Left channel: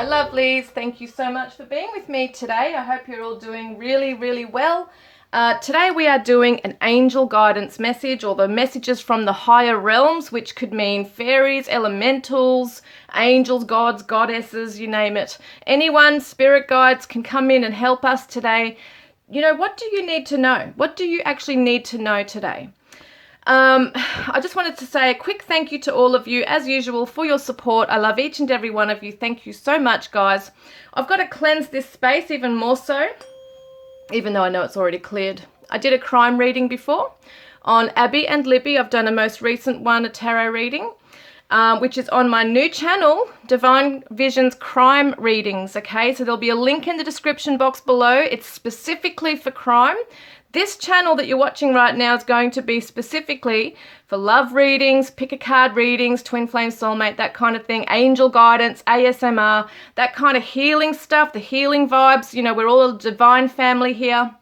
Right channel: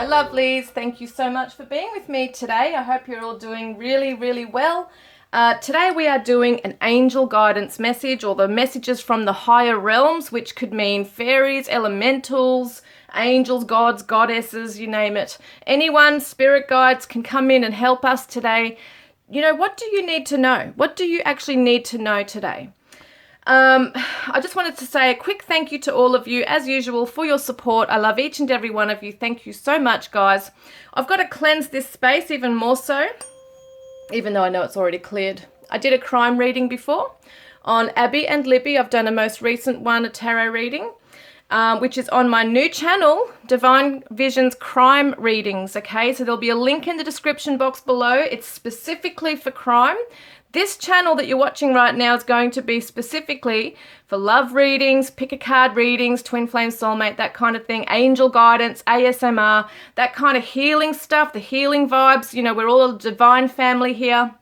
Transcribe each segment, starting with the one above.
Hi lovelies, thank you so much for being with me today. I hope you're all doing really, really well. Today we are doing an angel guidance message, or the messages from the higher realms, which could mean fairies, elementals, angels, gods, goddesses, you name it. Anyone, spirit guides can come in and help us today. You know, what do you need to know? What do you actually need to know today? I just wanted to say a quick thank you to all of you, as usual, for your support. I love each and every one of you. Thank you so much, guys. I've got to cleanse this space even more so, even though I know it's already cleared. I did a crime reading before on Abby and Libby. I've done a most recent one, a tarot reading, which is on my new channel, Divine Visions Crime Readings, okay? So there'll be a link in the description box below. It's specifically for crime. This channel that you're watching right now is going to be specifically for love readings, pick a card readings, twin flame soulmate, that kind of thing, angel guidance, ASMR, that kind of healing stuff, the healing vibes. You know, we're all a divine family here.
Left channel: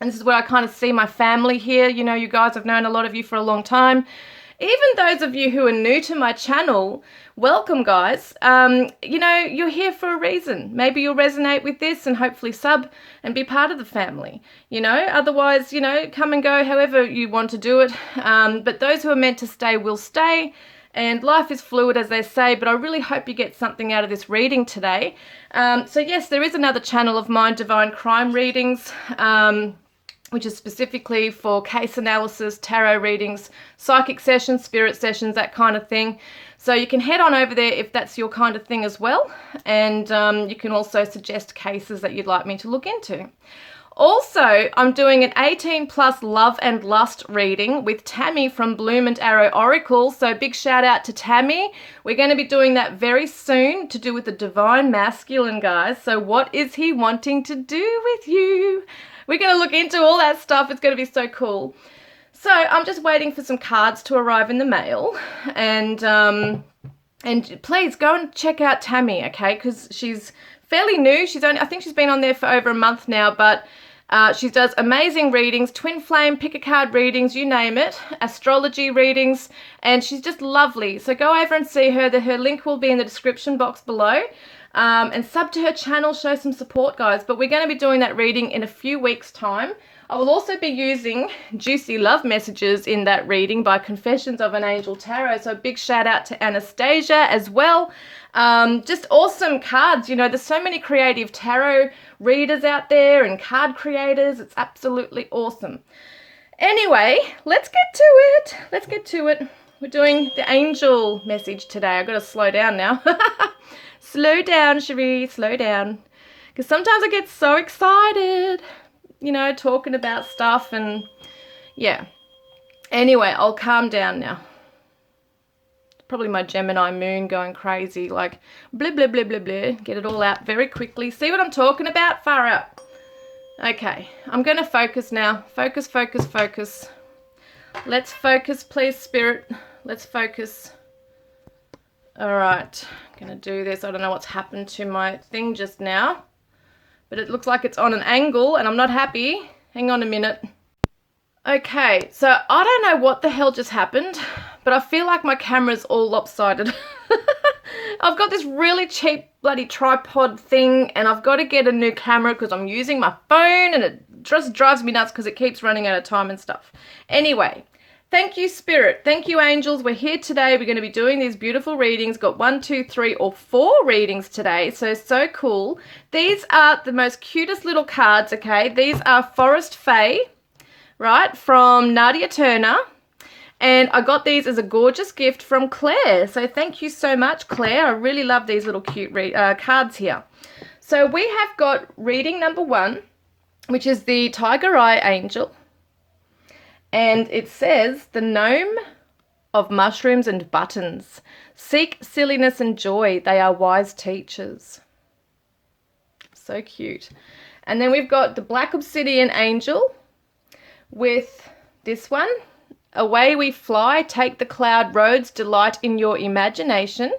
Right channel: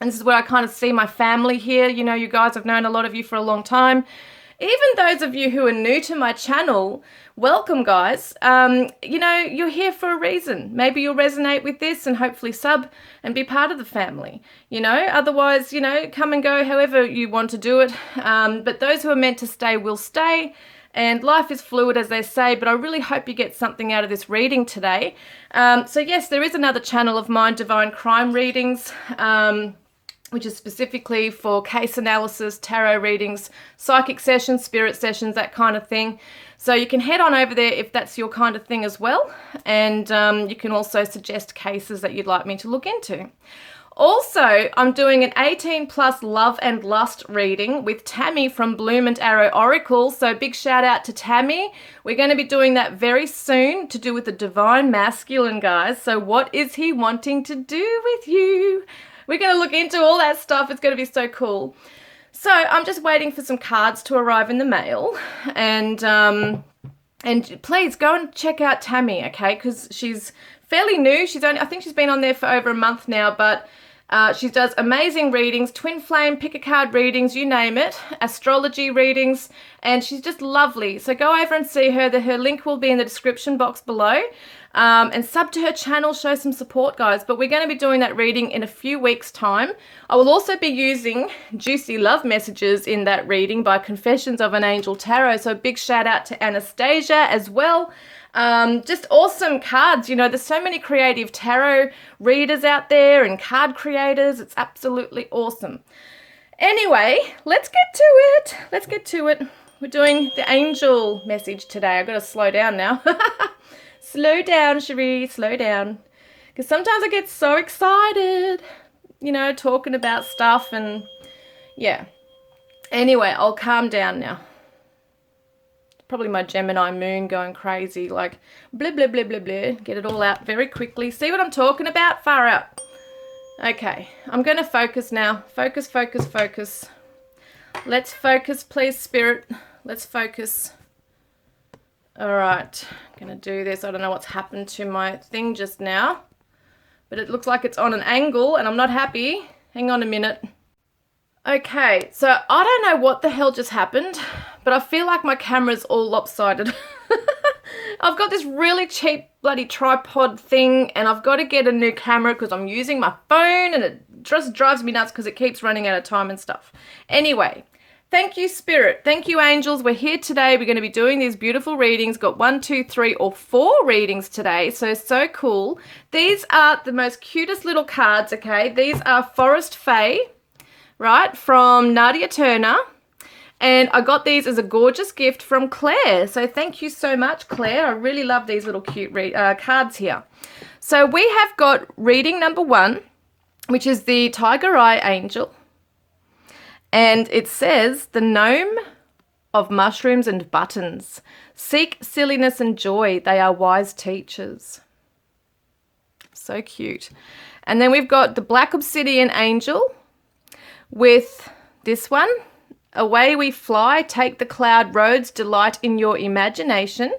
And this is where I kind of see my family here. You know, you guys, I've known a lot of you for a long time. Even those of you who are new to my channel, welcome, guys. You know, you're here for a reason. Maybe you'll resonate with this and hopefully sub and be part of the family. You know, otherwise, you know, come and go however you want to do it. But those who are meant to stay will stay. And life is fluid, as they say, but I really hope you get something out of this reading today. So yes, there is another channel of mine, Divine Crime Readings, which is specifically for case analysis, tarot readings, psychic sessions, spirit sessions, that kind of thing. So you can head on over there if that's your kind of thing as well. And you can also suggest cases that you'd like me to look into. Also, I'm doing an 18 plus love and lust reading with Tammy from Bloom and Arrow Oracle. So big shout out to Tammy. We're going to be doing that very soon, to do with the divine masculine, guys. So what is he wanting to do with you? We're going to look into all that stuff. It's going to be so cool. So I'm just waiting for some cards to arrive in the mail. And please go and check out Tammy, okay? Because she's fairly new. I think she's been on there for over a month now, but she does amazing readings, twin flame, pick a card readings, you name it, astrology readings, and she's just lovely. So go over and see her. Her link will be in the description box below. And sub to her channel, show some support, guys. But we're going to be doing that reading in a few weeks' time. I will also be using juicy love messages in that reading by Confessions of an Angel Tarot. So big shout out to Anastasia as well. Just awesome cards. You know, there's so many creative tarot readers out there and card creators. It's absolutely awesome. Anyway, let's get to it. Let's get to it. We're doing the angel message today. I've got to slow down now. Slow down, Sheree, slow down. Because sometimes I get so excited, you know, talking about stuff and, yeah. Anyway, I'll calm down now. Probably my Gemini moon going crazy, like, blah, blah, blah, blah, blah. Get it all out very quickly. See what I'm talking about? Far out. Okay, I'm going to focus now. Focus, focus, focus. Let's focus, please, Spirit. Let's focus. All right, I'm going to do this. I don't know what's happened to my thing just now, but it looks like it's on an angle and I'm not happy. Hang on a minute. Okay, so I don't know what the hell just happened, but I feel like my camera's all lopsided. I've got this really cheap bloody tripod thing and I've got to get a new camera because I'm using my phone and it just drives me nuts because it keeps running out of time and stuff. Anyway. Thank you, Spirit. Thank you, angels. We're here today. We're going to be doing these beautiful readings. Got 1, 2, 3, or 4 readings today. So cool. These are the most cutest little cards, okay? These are Forest Fae, right, from Nadia Turner. And I got these as a gorgeous gift from Claire. So thank you so much, Claire. I really love these little cute cards here. So we have got reading number 1, which is the Tiger Eye Angel. And it says, the gnome of mushrooms and buttons. Seek silliness and joy. They are wise teachers. So cute. And then we've got the Black Obsidian Angel with this one. Away we fly, take the cloud roads, delight in your imagination.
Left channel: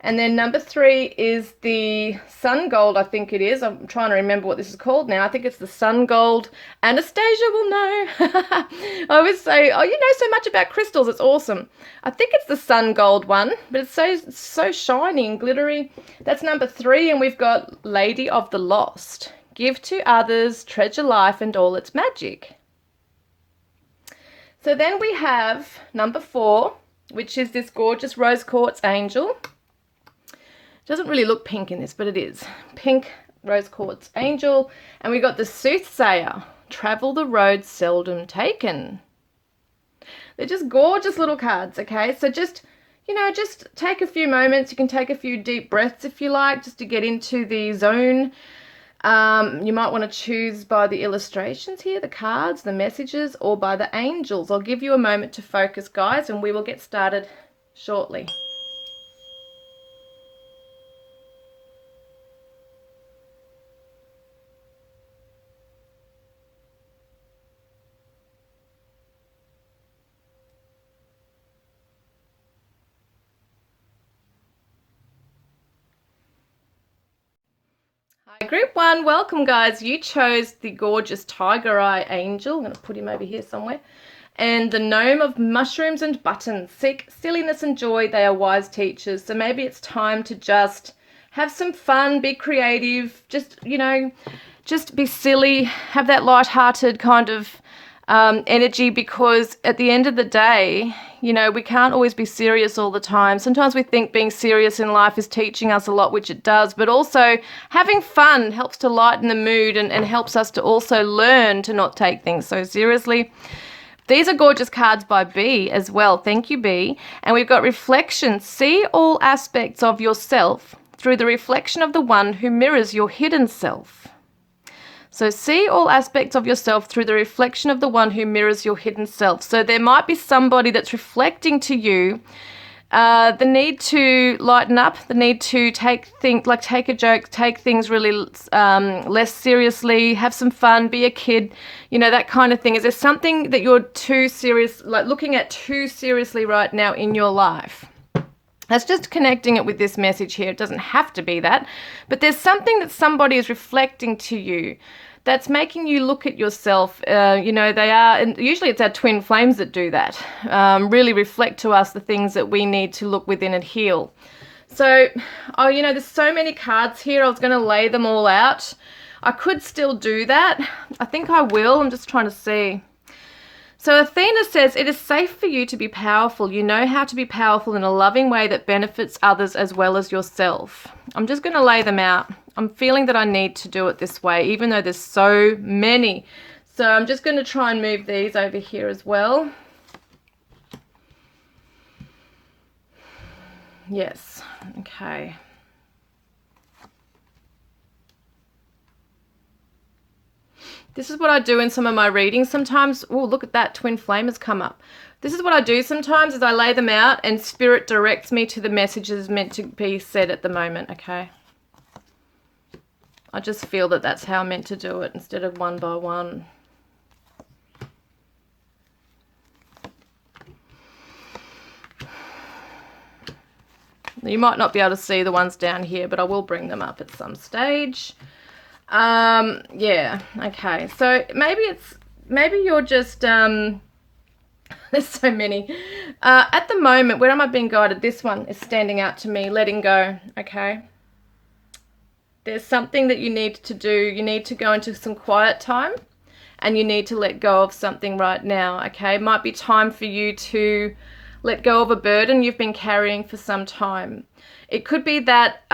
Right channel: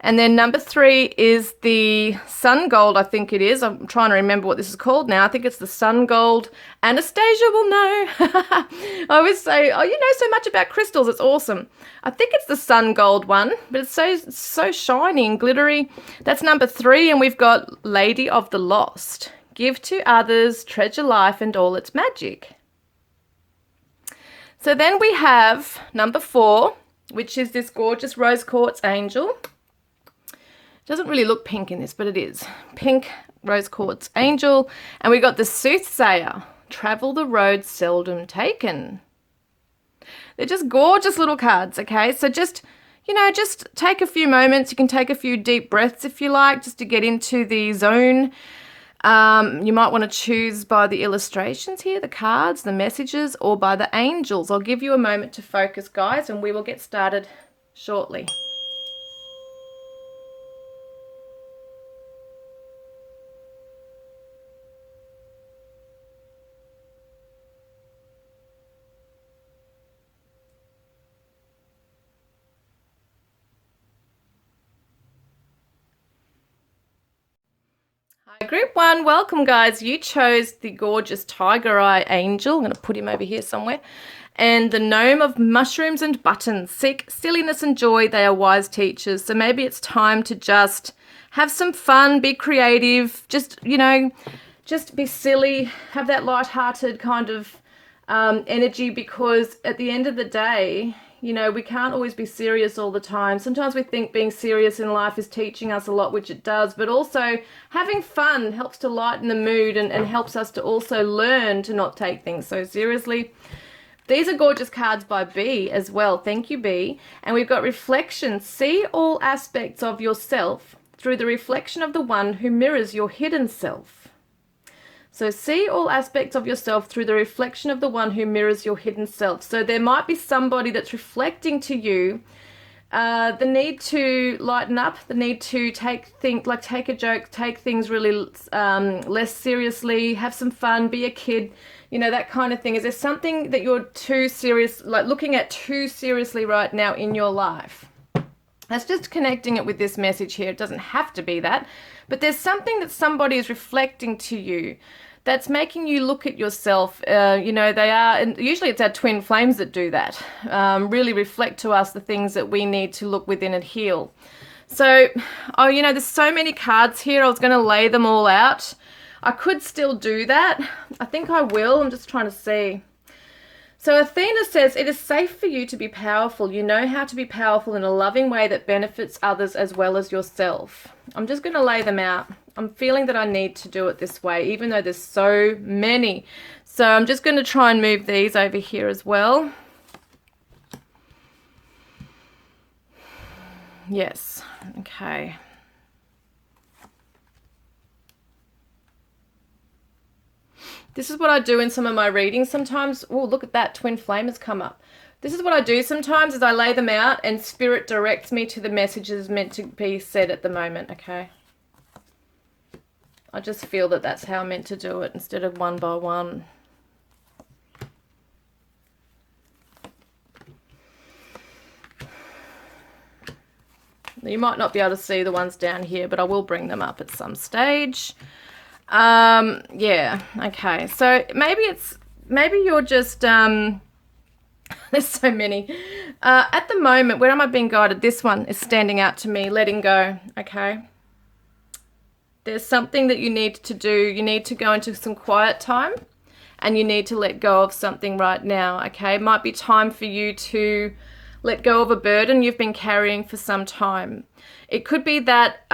And then number 3 is the sun gold, I think it is. I'm trying to remember what this is called now. I think it's the sun gold. Anastasia will know. I always say, oh, you know so much about crystals. It's awesome. I think it's the sun gold one, but it's so shiny and glittery. That's number 3. And we've got Lady of the Lost. Give to others, treasure life and all its magic. So then we have number 4, which is this gorgeous rose quartz angel. Doesn't really look pink in this, but it is. Pink rose quartz angel. And we got the soothsayer. Travel the road seldom taken. They're just gorgeous little cards, okay? So just, you know, just take a few moments. You can take a few deep breaths if you like, just to get into the zone. You might want to choose by the illustrations here, the cards, the messages, or by the angels. I'll give you a moment to focus, guys, and we will get started shortly. Hi, group 1. Welcome, guys. You chose the gorgeous tiger eye angel. I'm going to put him over here somewhere. And the gnome of mushrooms and buttons. Seek silliness and joy. They are wise teachers. So maybe it's time to just have some fun, be creative, just, you know, just be silly, have that light-hearted kind of energy, because at the end of the day, you know, we can't always be serious all the time. Sometimes we think being serious in life is teaching us a lot, which it does, but also having fun helps to lighten the mood and helps us to also learn to not take things so seriously. These are gorgeous cards by B as well. Thank you, B. And we've got reflection. See all aspects of yourself through the reflection of the one who mirrors your hidden self. So see all aspects of yourself through the reflection of the one who mirrors your hidden self. So there might be somebody that's reflecting to you the need to lighten up, the need to take a joke, take things really less seriously, have some fun, be a kid, you know, that kind of thing. Is there something that you're too serious, like looking at too seriously right now in your life? That's just connecting it with this message here. It doesn't have to be that, but there's something that somebody is reflecting to you that's making you look at yourself. You know, they are, and usually it's our twin flames that do that, really reflect to us the things that we need to look within and heal. So, oh, you know, there's so many cards here. I was going to lay them all out. I could still do that. I think I will. I'm just trying to see. So Athena says, it is safe for you to be powerful. You know how to be powerful in a loving way that benefits others as well as yourself. I'm just going to lay them out. I'm feeling that I need to do it this way, even though there's so many. So I'm just going to try and move these over here as well. Yes. Okay. This is what I do in some of my readings sometimes. Oh, look at that. Twin flame has come up. This is what I do sometimes is I lay them out and spirit directs me to the messages meant to be said at the moment, okay? I just feel that that's how I'm meant to do it instead of one by one. You might not be able to see the ones down here, but I will bring them up at some stage. Yeah, okay. So maybe you're just, there's so many. At the moment, where am I being guided? This one is standing out to me, letting go, okay? There's something that you need to do. You need to go into some quiet time and you need to let go of something right now, okay? It might be time for you to let go of a burden you've been carrying for some time. It could be that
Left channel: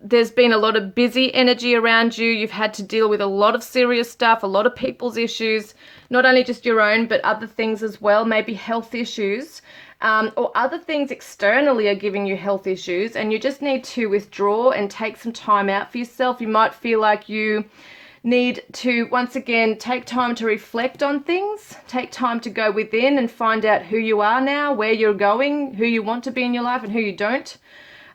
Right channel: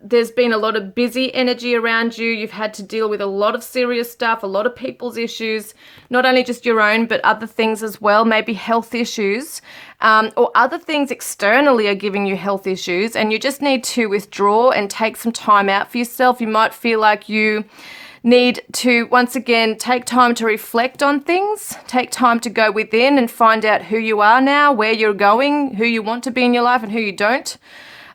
there's been a lot of busy energy around you. You've had to deal with a lot of serious stuff, a lot of people's issues, not only just your own, but other things as well, maybe health issues, or other things externally are giving you health issues, and you just need to withdraw and take some time out for yourself. You might feel like you need to, once again, take time to reflect on things, take time to go within and find out who you are now, where you're going, who you want to be in your life and who you don't.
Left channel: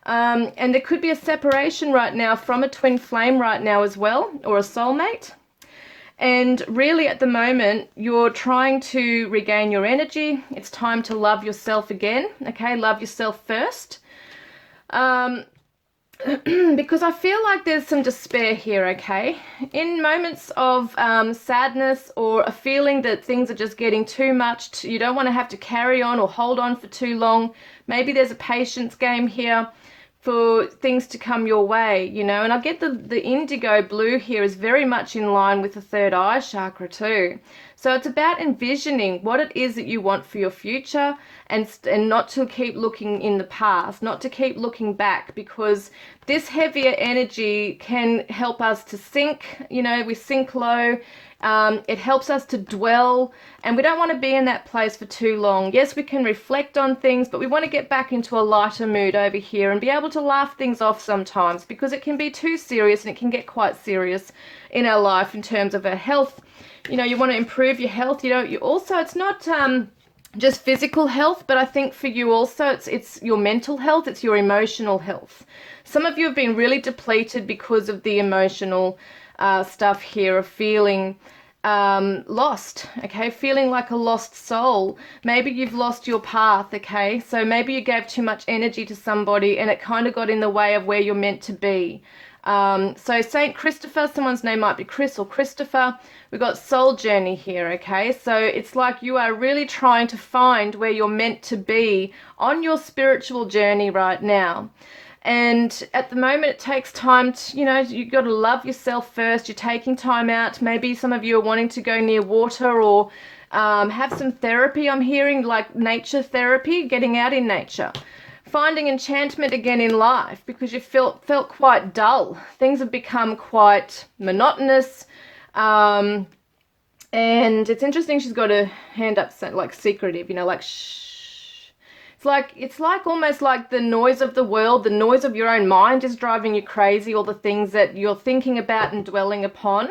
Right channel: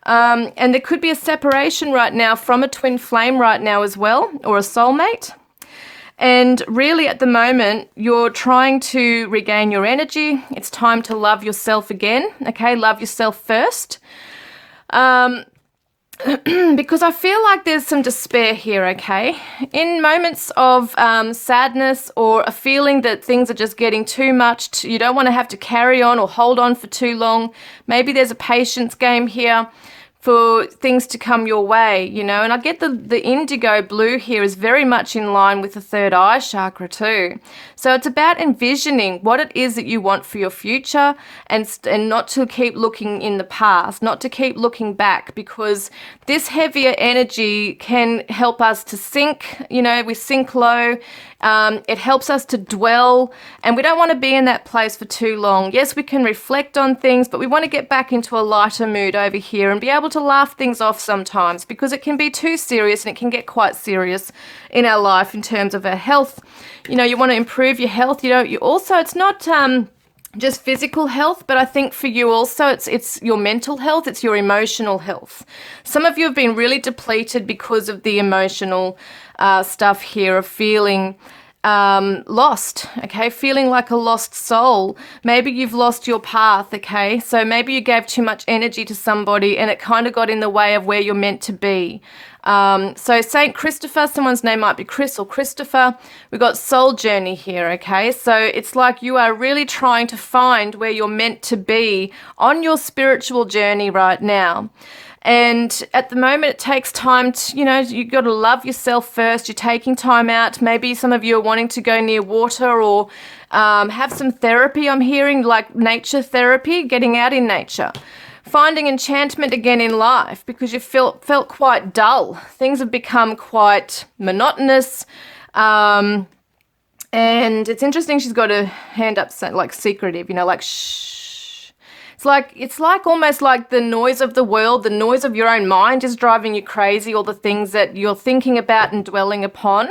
And there could be a separation right now from a twin flame right now as well, or a soulmate. And really at the moment, you're trying to regain your energy. It's time to love yourself again, okay? Love yourself first. Because I feel like there's some despair here, okay? In moments of sadness or a feeling that things are just getting too much, you don't want to have to carry on or hold on for too long. Maybe there's a patience game here for things to come your way, you know. And I get the indigo blue here is very much in line with the third eye chakra too. So it's about envisioning what it is that you want for your future, and not to keep looking in the past, not to keep looking back, because this heavier energy can help us to sink, you know, we sink low. It helps us to dwell, and we don't want to be in that place for too long. Yes, we can reflect on things, but we want to get back into a lighter mood over here and be able to laugh things off sometimes, because it can be too serious, and it can get quite serious in our life in terms of our health. You know, you want to improve your health. You know, you also, it's not just physical health, but I think for you also it's your mental health, it's your emotional health. Some of you have been really depleted because of the emotional stuff here of feeling lost, okay, feeling like a lost soul. Maybe you've lost your path, okay, so maybe you gave too much energy to somebody and it kind of got in the way of where you're meant to be. So Saint Christopher, someone's name might be Chris or Christopher. We've got soul journey here, okay? So it's like you are really trying to find where you're meant to be on your spiritual journey right now. And at the moment, it takes time to, you know, you've got to love yourself first. You're taking time out. Maybe some of you are wanting to go near water or have some therapy, I'm hearing, like nature therapy, getting out in nature. Finding enchantment again in life, because you felt quite dull. Things have become quite monotonous. And it's interesting, she's got a hand up like secretive, you know, like shh. It's like almost like the noise of the world, the noise of your own mind is driving you crazy, all the things that you're thinking about and dwelling upon.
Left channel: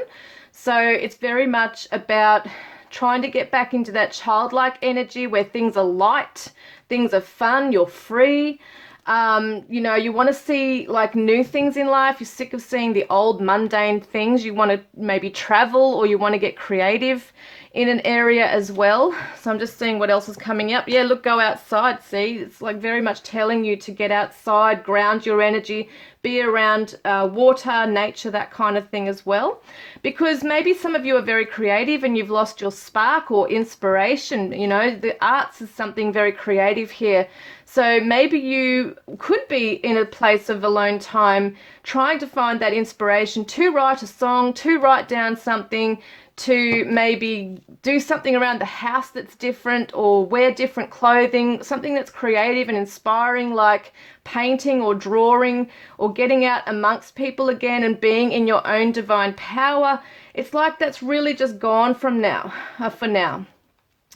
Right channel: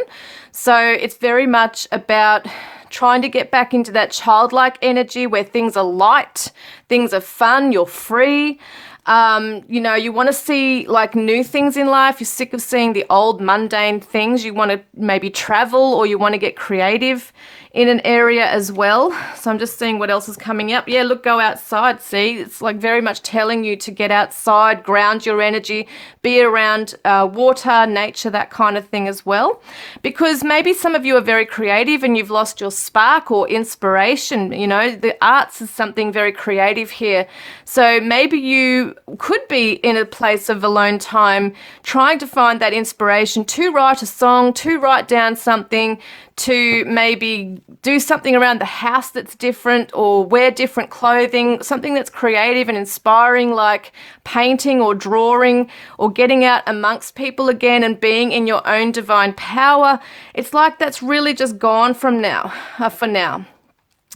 So it's very much about trying to get back into that childlike energy where things are light, things are fun, you're free. You know, you want to see like new things in life. You're sick of seeing the old mundane things. You want to maybe travel, or you want to get creative in an area as well. So I'm just seeing what else is coming up. Yeah, look, go outside. See, it's like very much telling you to get outside, ground your energy, be around water, nature, that kind of thing as well. Because maybe some of you are very creative and you've lost your spark or inspiration. You know, the arts is something very creative here. So maybe you could be in a place of alone time trying to find that inspiration to write a song, to write down something, to maybe do something around the house that's different, or wear different clothing, something that's creative and inspiring, like painting or drawing, or getting out amongst people again and being in your own divine power. It's like that's really just gone from now, for now.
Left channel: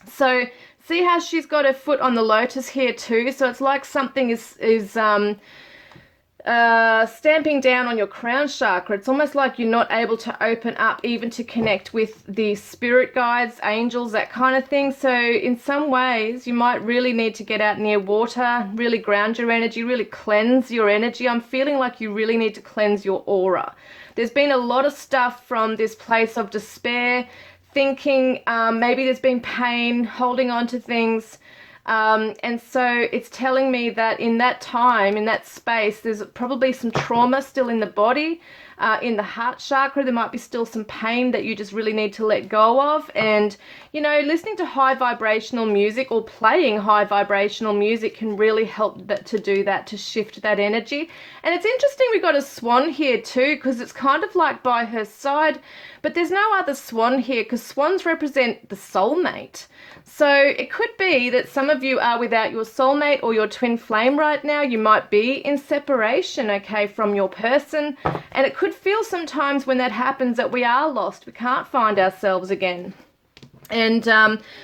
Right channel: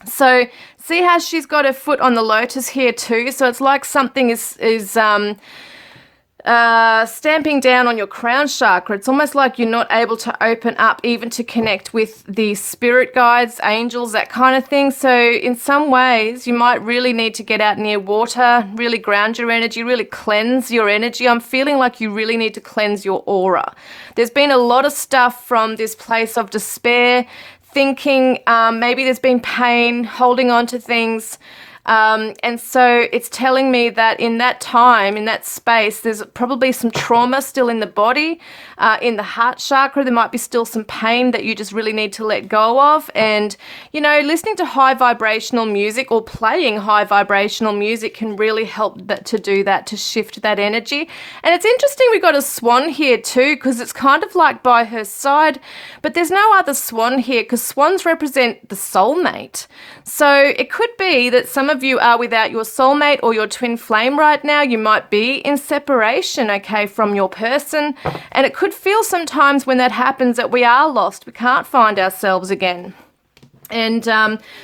So see how she's got her foot on the lotus here too. So it's like something is stamping down on your crown chakra. It's almost like you're not able to open up even to connect with the spirit guides, angels, that kind of thing. So in some ways, you might really need to get out near water, really ground your energy, really cleanse your energy. I'm feeling like you really need to cleanse your aura. There's been a lot of stuff from this place of despair, thinking, maybe there's been pain, holding on to things. And so it's telling me that in that time, in that space, there's probably some trauma still in the body, in the heart chakra. There might be still some pain that you just really need to let go of. And, you know, listening to high vibrational music or playing high vibrational music can really help that, to do that, to shift that energy. And it's interesting, we got a swan here too, because it's kind of like by her side, but there's no other swan here, because swans represent the soulmate. So it could be that some of you are without your soulmate or your twin flame right now. You might be in separation, okay, from your person. And it could feel sometimes when that happens that we are lost. We can't find ourselves again. And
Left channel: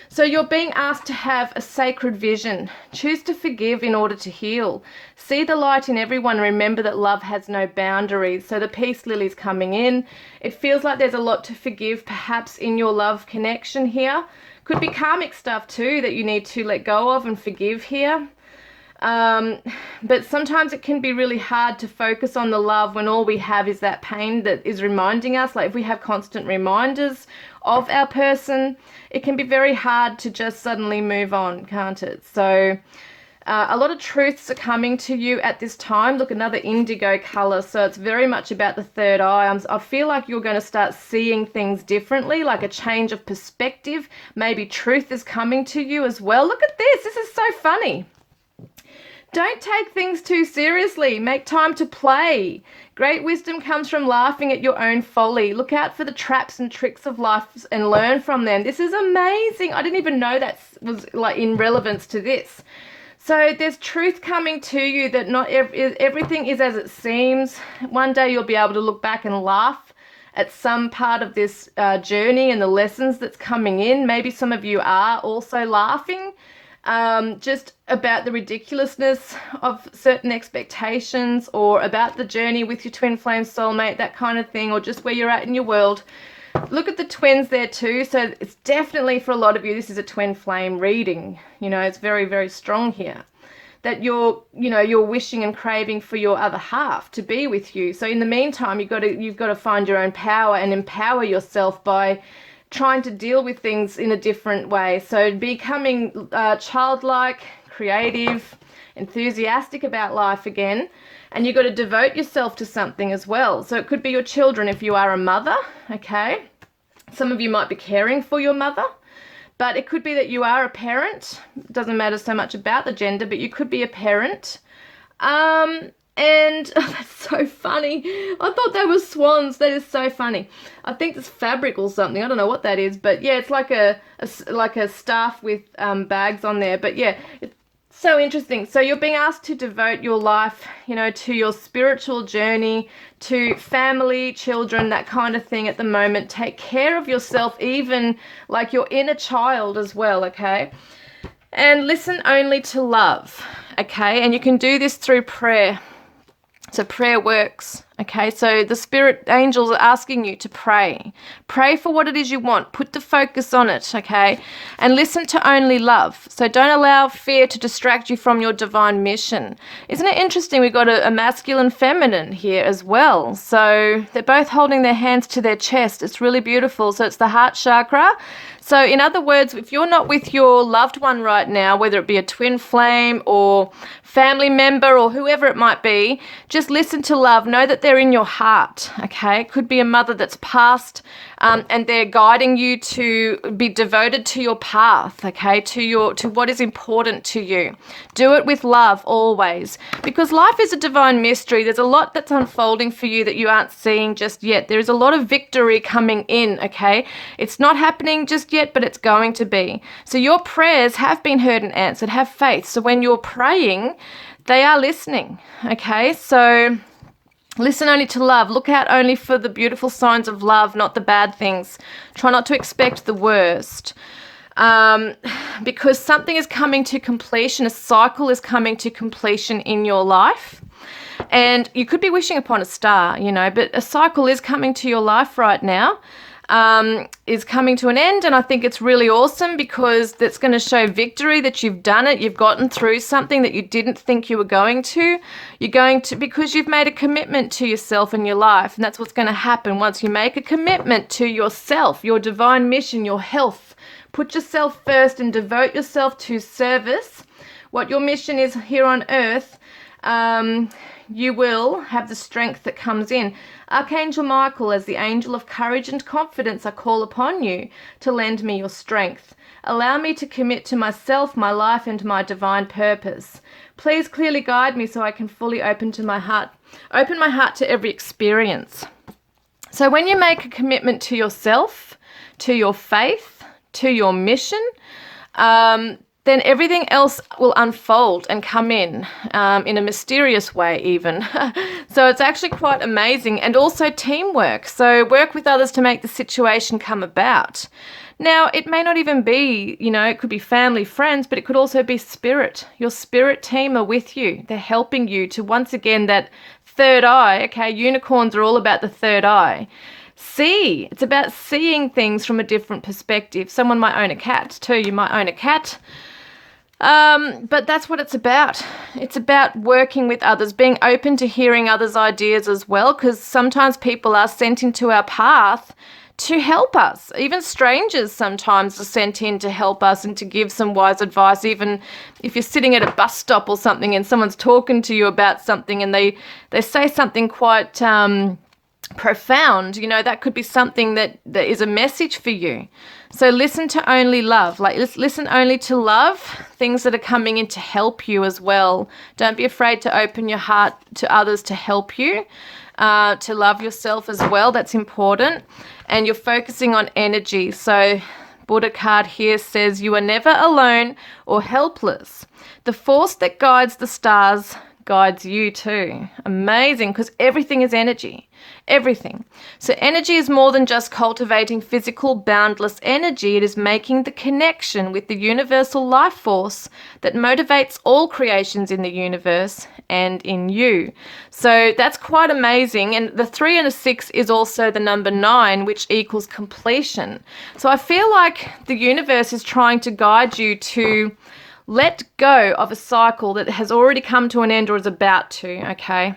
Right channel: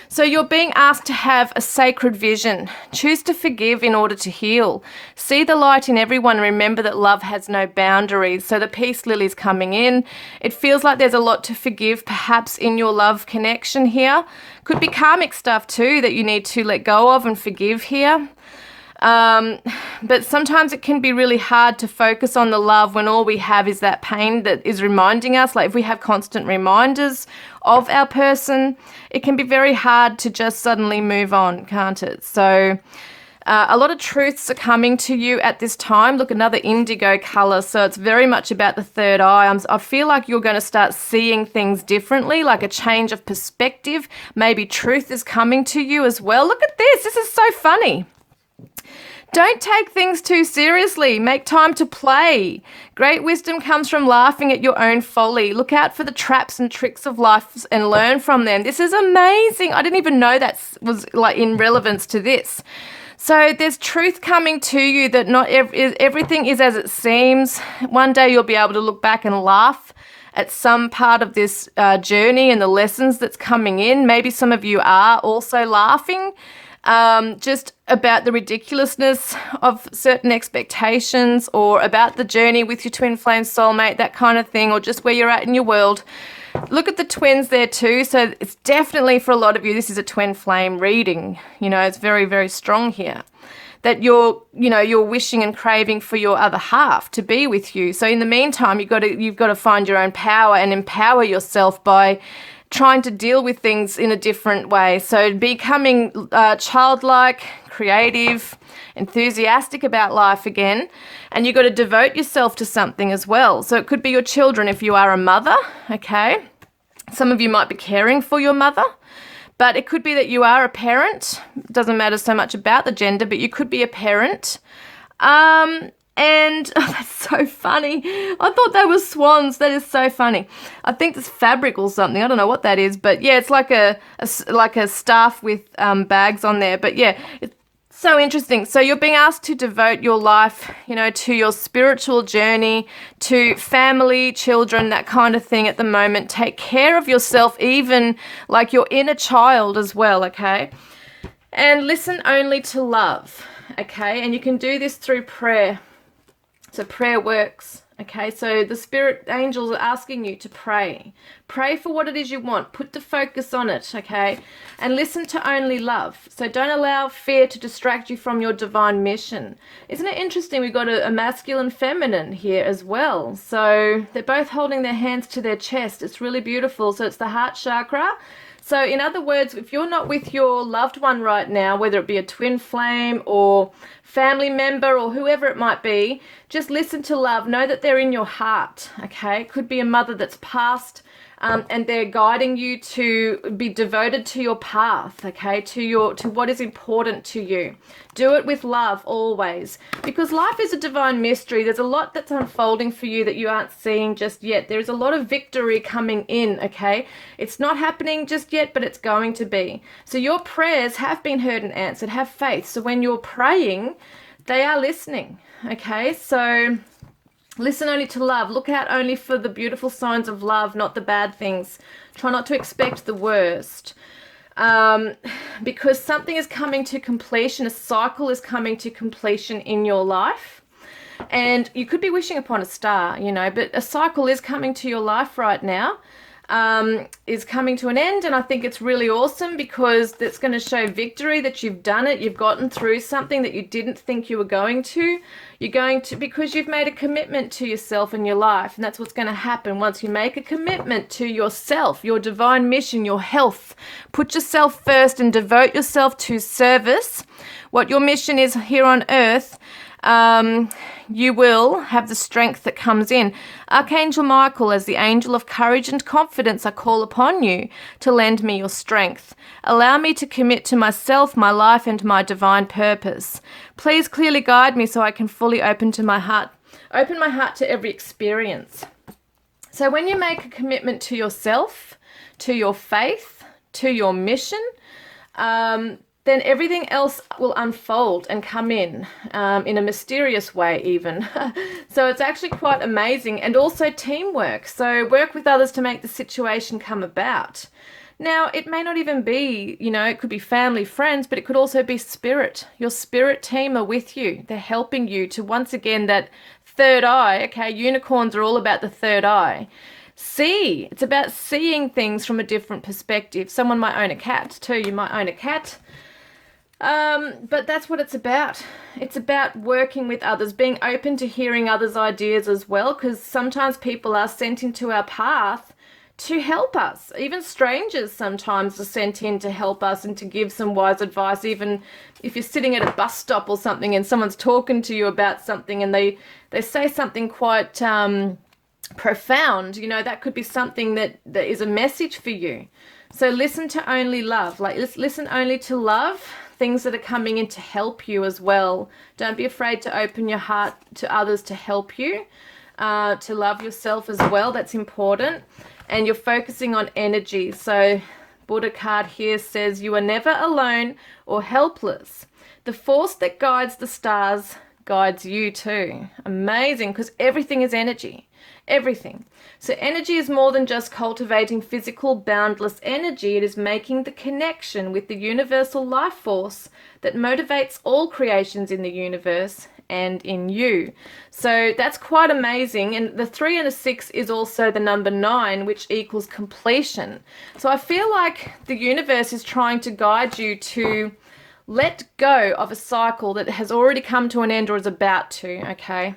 so you're being asked to have a sacred vision. Choose to forgive in order to heal. See the light in everyone. Remember that love has no boundaries. So the peace lily's coming in. It feels like there's a lot to forgive, perhaps in your love connection here. Could be karmic stuff too that you need to let go of and forgive here. But sometimes it can be really hard to focus on the love when all we have is that pain that is reminding us. Like if we have constant reminders of our person, it can be very hard to just suddenly move on, can't it? So A lot of truths are coming to you at this time. Look, another indigo color. So it's very much about the third eye. I feel like you're going to start seeing things differently, like a change of perspective. Maybe truth is coming to you as well. Look at this. This is so funny. Don't take things too seriously. Make time to play. Great wisdom comes from laughing at your own folly. Look out for the traps and tricks of life and learn from them. This is amazing. I didn't even know that was like in relevance to this. So there's truth coming to you that not everything is as it seems. One day you'll be able to look back and laugh at some part of this journey and the lessons that's coming in. Maybe some of you are also laughing just about the ridiculousness of certain expectations, or about the journey with your twin flame soulmate, that kind of thing, or just where you're at in your world. Look at the twins there too. So it's definitely, for a lot of you, this is a twin flame reading. You know, it's very, very strong here that you're wishing and craving for your other half to be with you. So in the meantime, you've got to find your own power and empower yourself by trying to deal with things in a different way. So becoming childlike, creative, enthusiastic about life again. And you've got to devote yourself to something as well. So it could be your children if you are a mother, okay? Some of you might be caring for your mother, but it could be that you are a parent. It doesn't matter so much about the gender, but you could be a parent. And that's so funny. I thought they were swans. That is so funny. I think it's fabric or something. I don't know what that is, but yeah, it's like a staff with bags on there. But yeah, it's so interesting. So you're being asked to devote your life, to your spiritual journey, to family, children, that kind of thing at the moment. Take care of yourself, even like your inner child as well, okay? And listen only to love, okay? And you can do this through prayer. So prayer works, okay? So the spirit angels are asking you to pray. Pray for what it is you want. Put the focus on it, okay? And listen to only love. So don't allow fear to distract you from your divine mission. Isn't it interesting? We've got a masculine feminine here as well. So they're both holding their hands to their chest. It's really beautiful. So it's the heart chakra. So in other words, if you're not with your loved one right now, whether it be a twin flame or family member or whoever it might be, just listen to love. Know that they're in your heart, okay? It could be a mother that's passed, and they're guiding you to be devoted to your path, okay, to what is important to you. Do it with love always, because life is a divine mystery. There's a lot that's unfolding for you that you aren't seeing just yet. There is a lot of victory coming in, okay? It's not happening just yet, but it's going to be. So your prayers have been heard and answered. Have faith. So when you're praying, they are listening, okay? So listen only to love. Look out only for the beautiful signs of love, not the bad things. Try not to expect the worst, because something is coming to completion. A cycle is coming to completion in your life. And you could be wishing upon a star, but a cycle is coming to your life right now. Is coming to an end, and I think it's really awesome because that's going to show victory, that you've done it, you've gotten through something that you didn't think you were going to. You're going to, because you've made a commitment to yourself and your life, and that's what's going to happen once you make a commitment to yourself, your divine mission, your health. Put yourself first and devote yourself to service. What your mission is here on earth, you will have the strength that comes in. Archangel Michael, as the angel of courage and confidence, I call upon you to lend me your strength. Allow me to commit to myself, my life, and my divine purpose. Please clearly guide me so I can fully open my heart to every experience. So when you make a commitment to yourself, to your faith, to your mission, then everything else will unfold and come in a mysterious way even. So it's actually quite amazing. And also teamwork. So work with others to make the situation come about. Now, it may not even be, it could be family, friends, but it could also be spirit. Your spirit team are with you. They're helping you to, once again, that third eye. Okay, unicorns are all about the third eye. See. It's about seeing things from a different perspective. Someone might own a cat too. You might own a cat. But that's what it's about. It's about working with others, being open to hearing others' ideas as well, because sometimes people are sent into our path to help us. Even strangers sometimes are sent in to help us and to give some wise advice, even if you're sitting at a bus stop or something and someone's talking to you about something and they say something quite profound, you know, that could be something that is a message for you. So listen to only love, like listen only to love, things that are coming in to help you as well. Don't be afraid to open your heart to others to help you, to love yourself as well. That's important. And you're focusing on energy. So Buddha card here says you are never alone or helpless. The force that guides the stars guides you too. Amazing, because everything is energy. Everything. So energy is more than just cultivating physical, boundless energy. It is making the connection with the universal life force that motivates all creations in the universe and in you. So that's quite amazing. And the 3 and a 6 is also the number 9, which equals completion. So I feel like the universe is trying to guide you to let go of a cycle that has already come to an end or is about to, okay?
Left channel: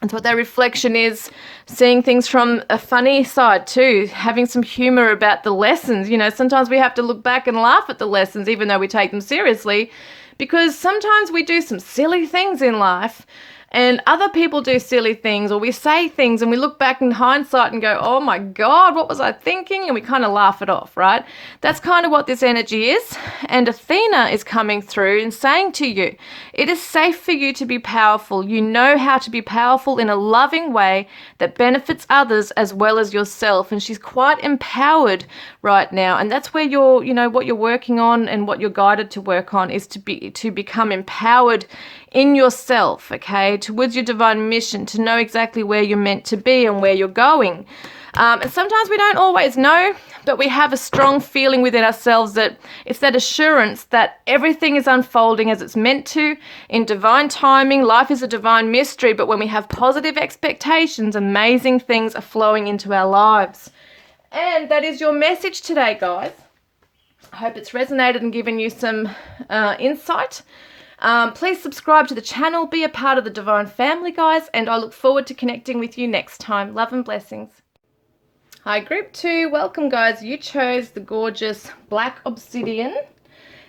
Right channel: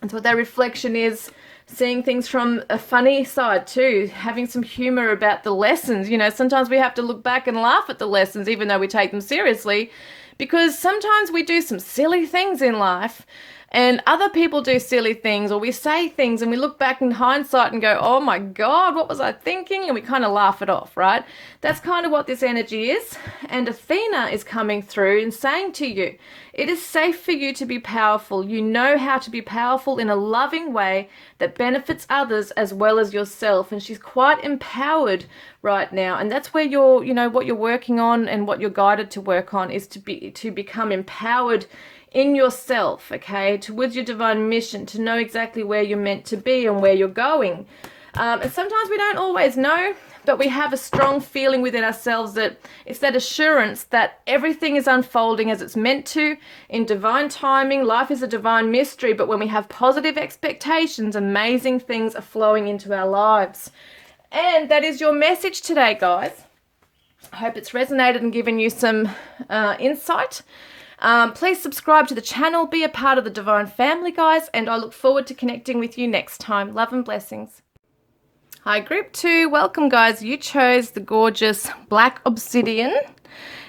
And so what that reflection is, seeing things from a funny side too, having some humor about the lessons. You know, sometimes we have to look back and laugh at the lessons even though we take them seriously, because sometimes we do some silly things in life and other people do silly things, or we say things and we look back in hindsight and go, oh my God, what was I thinking? And we kind of laugh it off, right? That's kind of what this energy is. And Athena is coming through and saying to you, it is safe for you to be powerful. You know how to be powerful in a loving way that benefits others as well as yourself. And she's quite empowered right now. And that's where you're, you know, what you're working on and what you're guided to work on is to become empowered in yourself, okay, towards your divine mission, to know exactly where you're meant to be and where you're going. And sometimes we don't always know, but we have a strong feeling within ourselves that it's that assurance that everything is unfolding as it's meant to in divine timing. Life is a divine mystery, but when we have positive expectations, amazing things are flowing into our lives. And that is your message today, guys. I hope it's resonated and given you some insight. Please subscribe to the channel, be a part of the divine family, guys, and I look forward to connecting with you next time. Love and blessings. Hi, group 2. Welcome, guys. You chose the gorgeous black obsidian.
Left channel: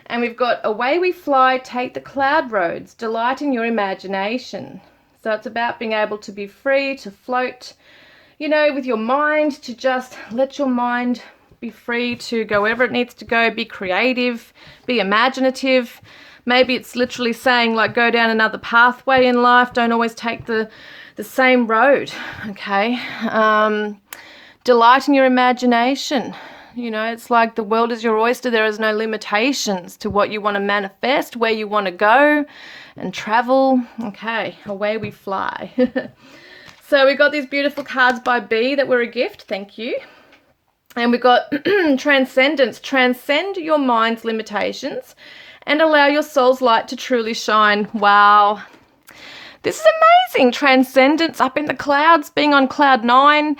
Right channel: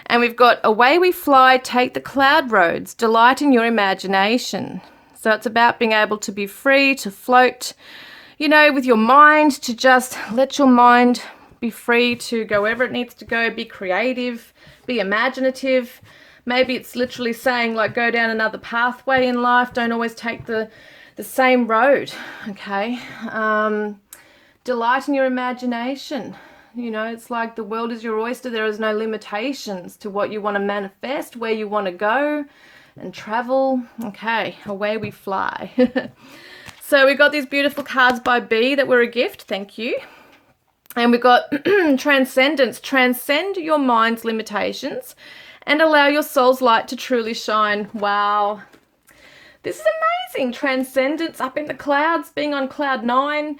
And we've got away we fly, take the cloud roads, delight in your imagination. So it's about being able to be free, to float, you know, with your mind, to just let your mind be free to go wherever it needs to go, be creative, be imaginative. Maybe it's literally saying, like, go down another pathway in life. Don't always take the same road, okay? Delight in your imagination. You know, it's like the world is your oyster. There is no limitations to what you want to manifest, where you want to go and travel. Okay, away we fly. So we got these beautiful cards by B that were a gift. Thank you. And we got transcendence. Transcend your mind's limitations and allow your soul's light to truly shine. Wow. This is amazing. Transcendence, up in the clouds, being on cloud 9,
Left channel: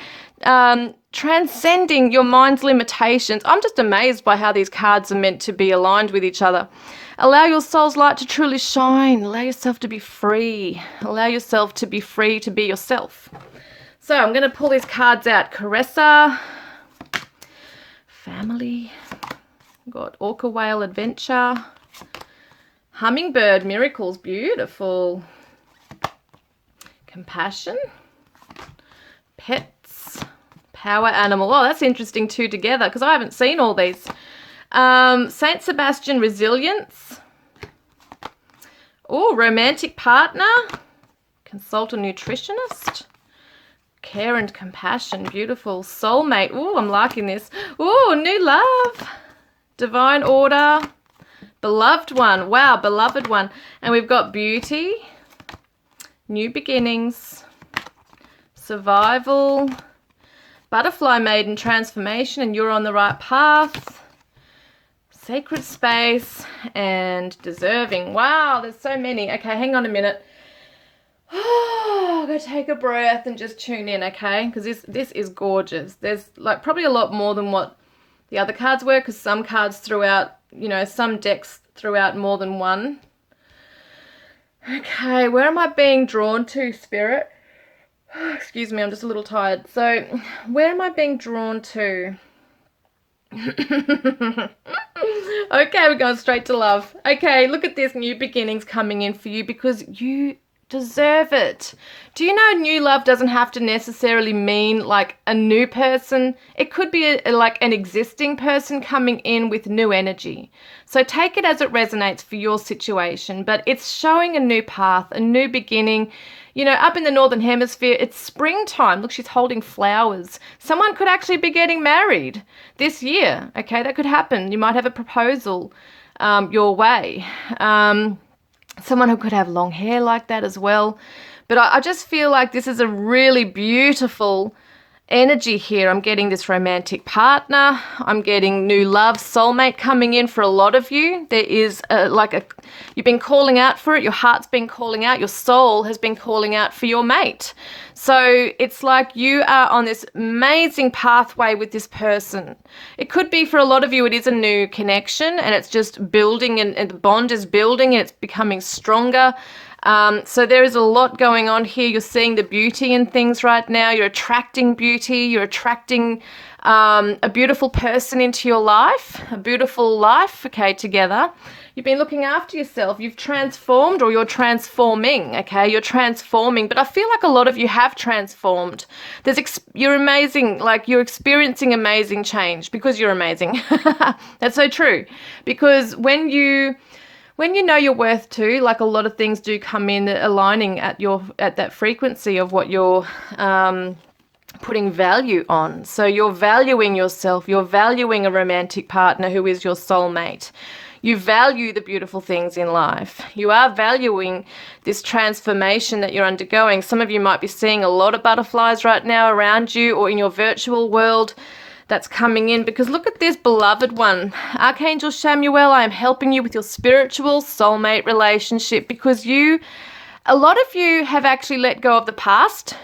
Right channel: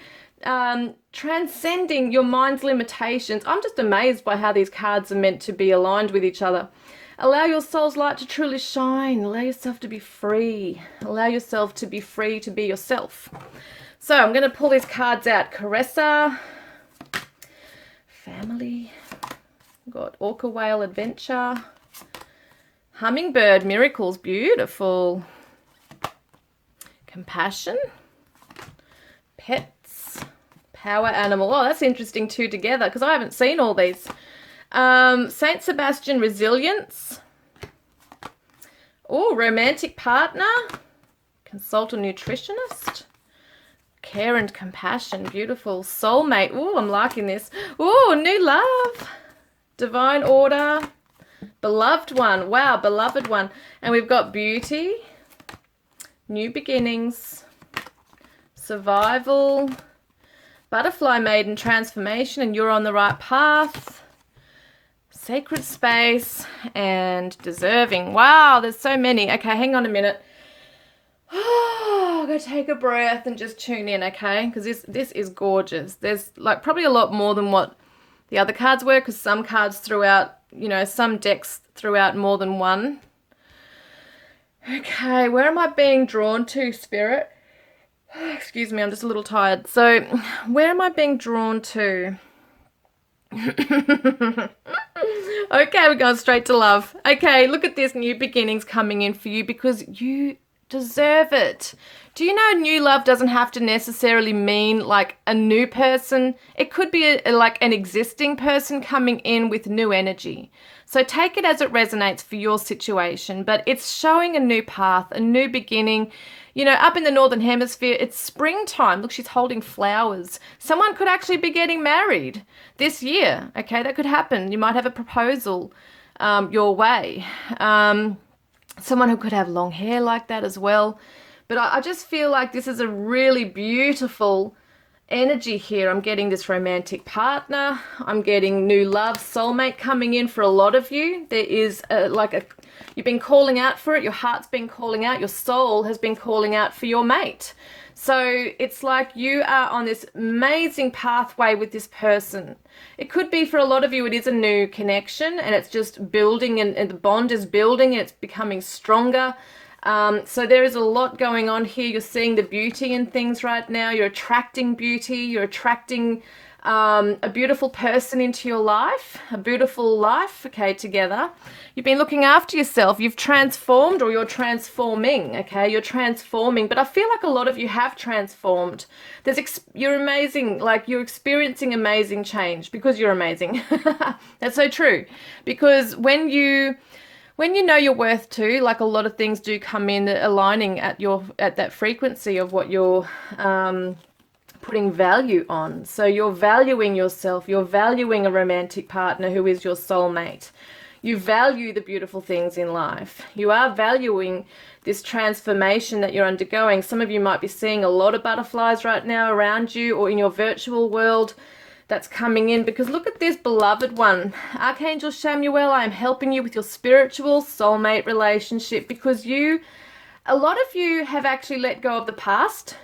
transcending your mind's limitations. I'm just amazed by how these cards are meant to be aligned with each other. Allow your soul's light to truly shine. Allow yourself to be free. Allow yourself to be free to be yourself. So I'm going to pull these cards out. Caressa, family, got orca whale adventure, hummingbird miracles, beautiful, compassion, pets, power animal. Oh, that's interesting too together because I haven't seen all these. Saint Sebastian, resilience. Oh, romantic partner, consult a nutritionist, care and compassion, beautiful. Soulmate. Oh, I'm liking this. Oh, new love, divine order, beloved one. Wow, beloved one. And we've got beauty, new beginnings, survival, butterfly maiden, transformation, and you're on the right path, sacred space, and deserving. Wow, there's so many. Okay, hang on a minute. Oh, I'm going to take a breath and just tune in, okay? Because this is gorgeous. There's like probably a lot more than what the other cards were, because some cards threw out, you know, some decks threw out more than one. Okay, where am I being drawn to, Spirit? Excuse me, I'm just a little tired. So, where am I being drawn to? Okay, we're going straight to love. Okay, look at this, new beginnings coming in for you because you deserve it. Do you know new love doesn't have to necessarily mean like a new person? It could be like an existing person coming in with new energy. So take it as it resonates for your situation, but it's showing a new path, a new beginning. You know, up in the Northern Hemisphere, it's springtime. Look, she's holding flowers. Someone could actually be getting married this year. Okay, that could happen. You might have a proposal your way. Someone who could have long hair like that as well. But I just feel like this is a really beautiful energy here. I'm getting this romantic partner. I'm getting new love, soulmate coming in for a lot of you. There is you've been calling out for it. Your heart's been calling out. Your soul has been calling out for your mate. So it's like you are on this amazing pathway with this person. It could be for a lot of you, it is a new connection and it's just building and the bond is building and it's becoming stronger. So there is a lot going on here. You're seeing the beauty in things right now. You're attracting beauty. You're attracting a beautiful person into your life, a beautiful life, okay, together. You've been looking after yourself. You've transformed or you're transforming, okay? You're transforming. But I feel like a lot of you have transformed. You're amazing. Like you're experiencing amazing change because you're amazing. That's so true. Because when you know your worth too, like a lot of things do come in aligning at that frequency of what you're putting value on. So you're valuing yourself. You're valuing a romantic partner who is your soulmate. You value the beautiful things in life. You are valuing this transformation that you're undergoing. Some of you might be seeing a lot of butterflies right now around you or in your virtual world that's coming in, because look at this beloved one. Archangel Chamuel, I am helping you with your spiritual soulmate relationship because a lot of you have actually let go of the past.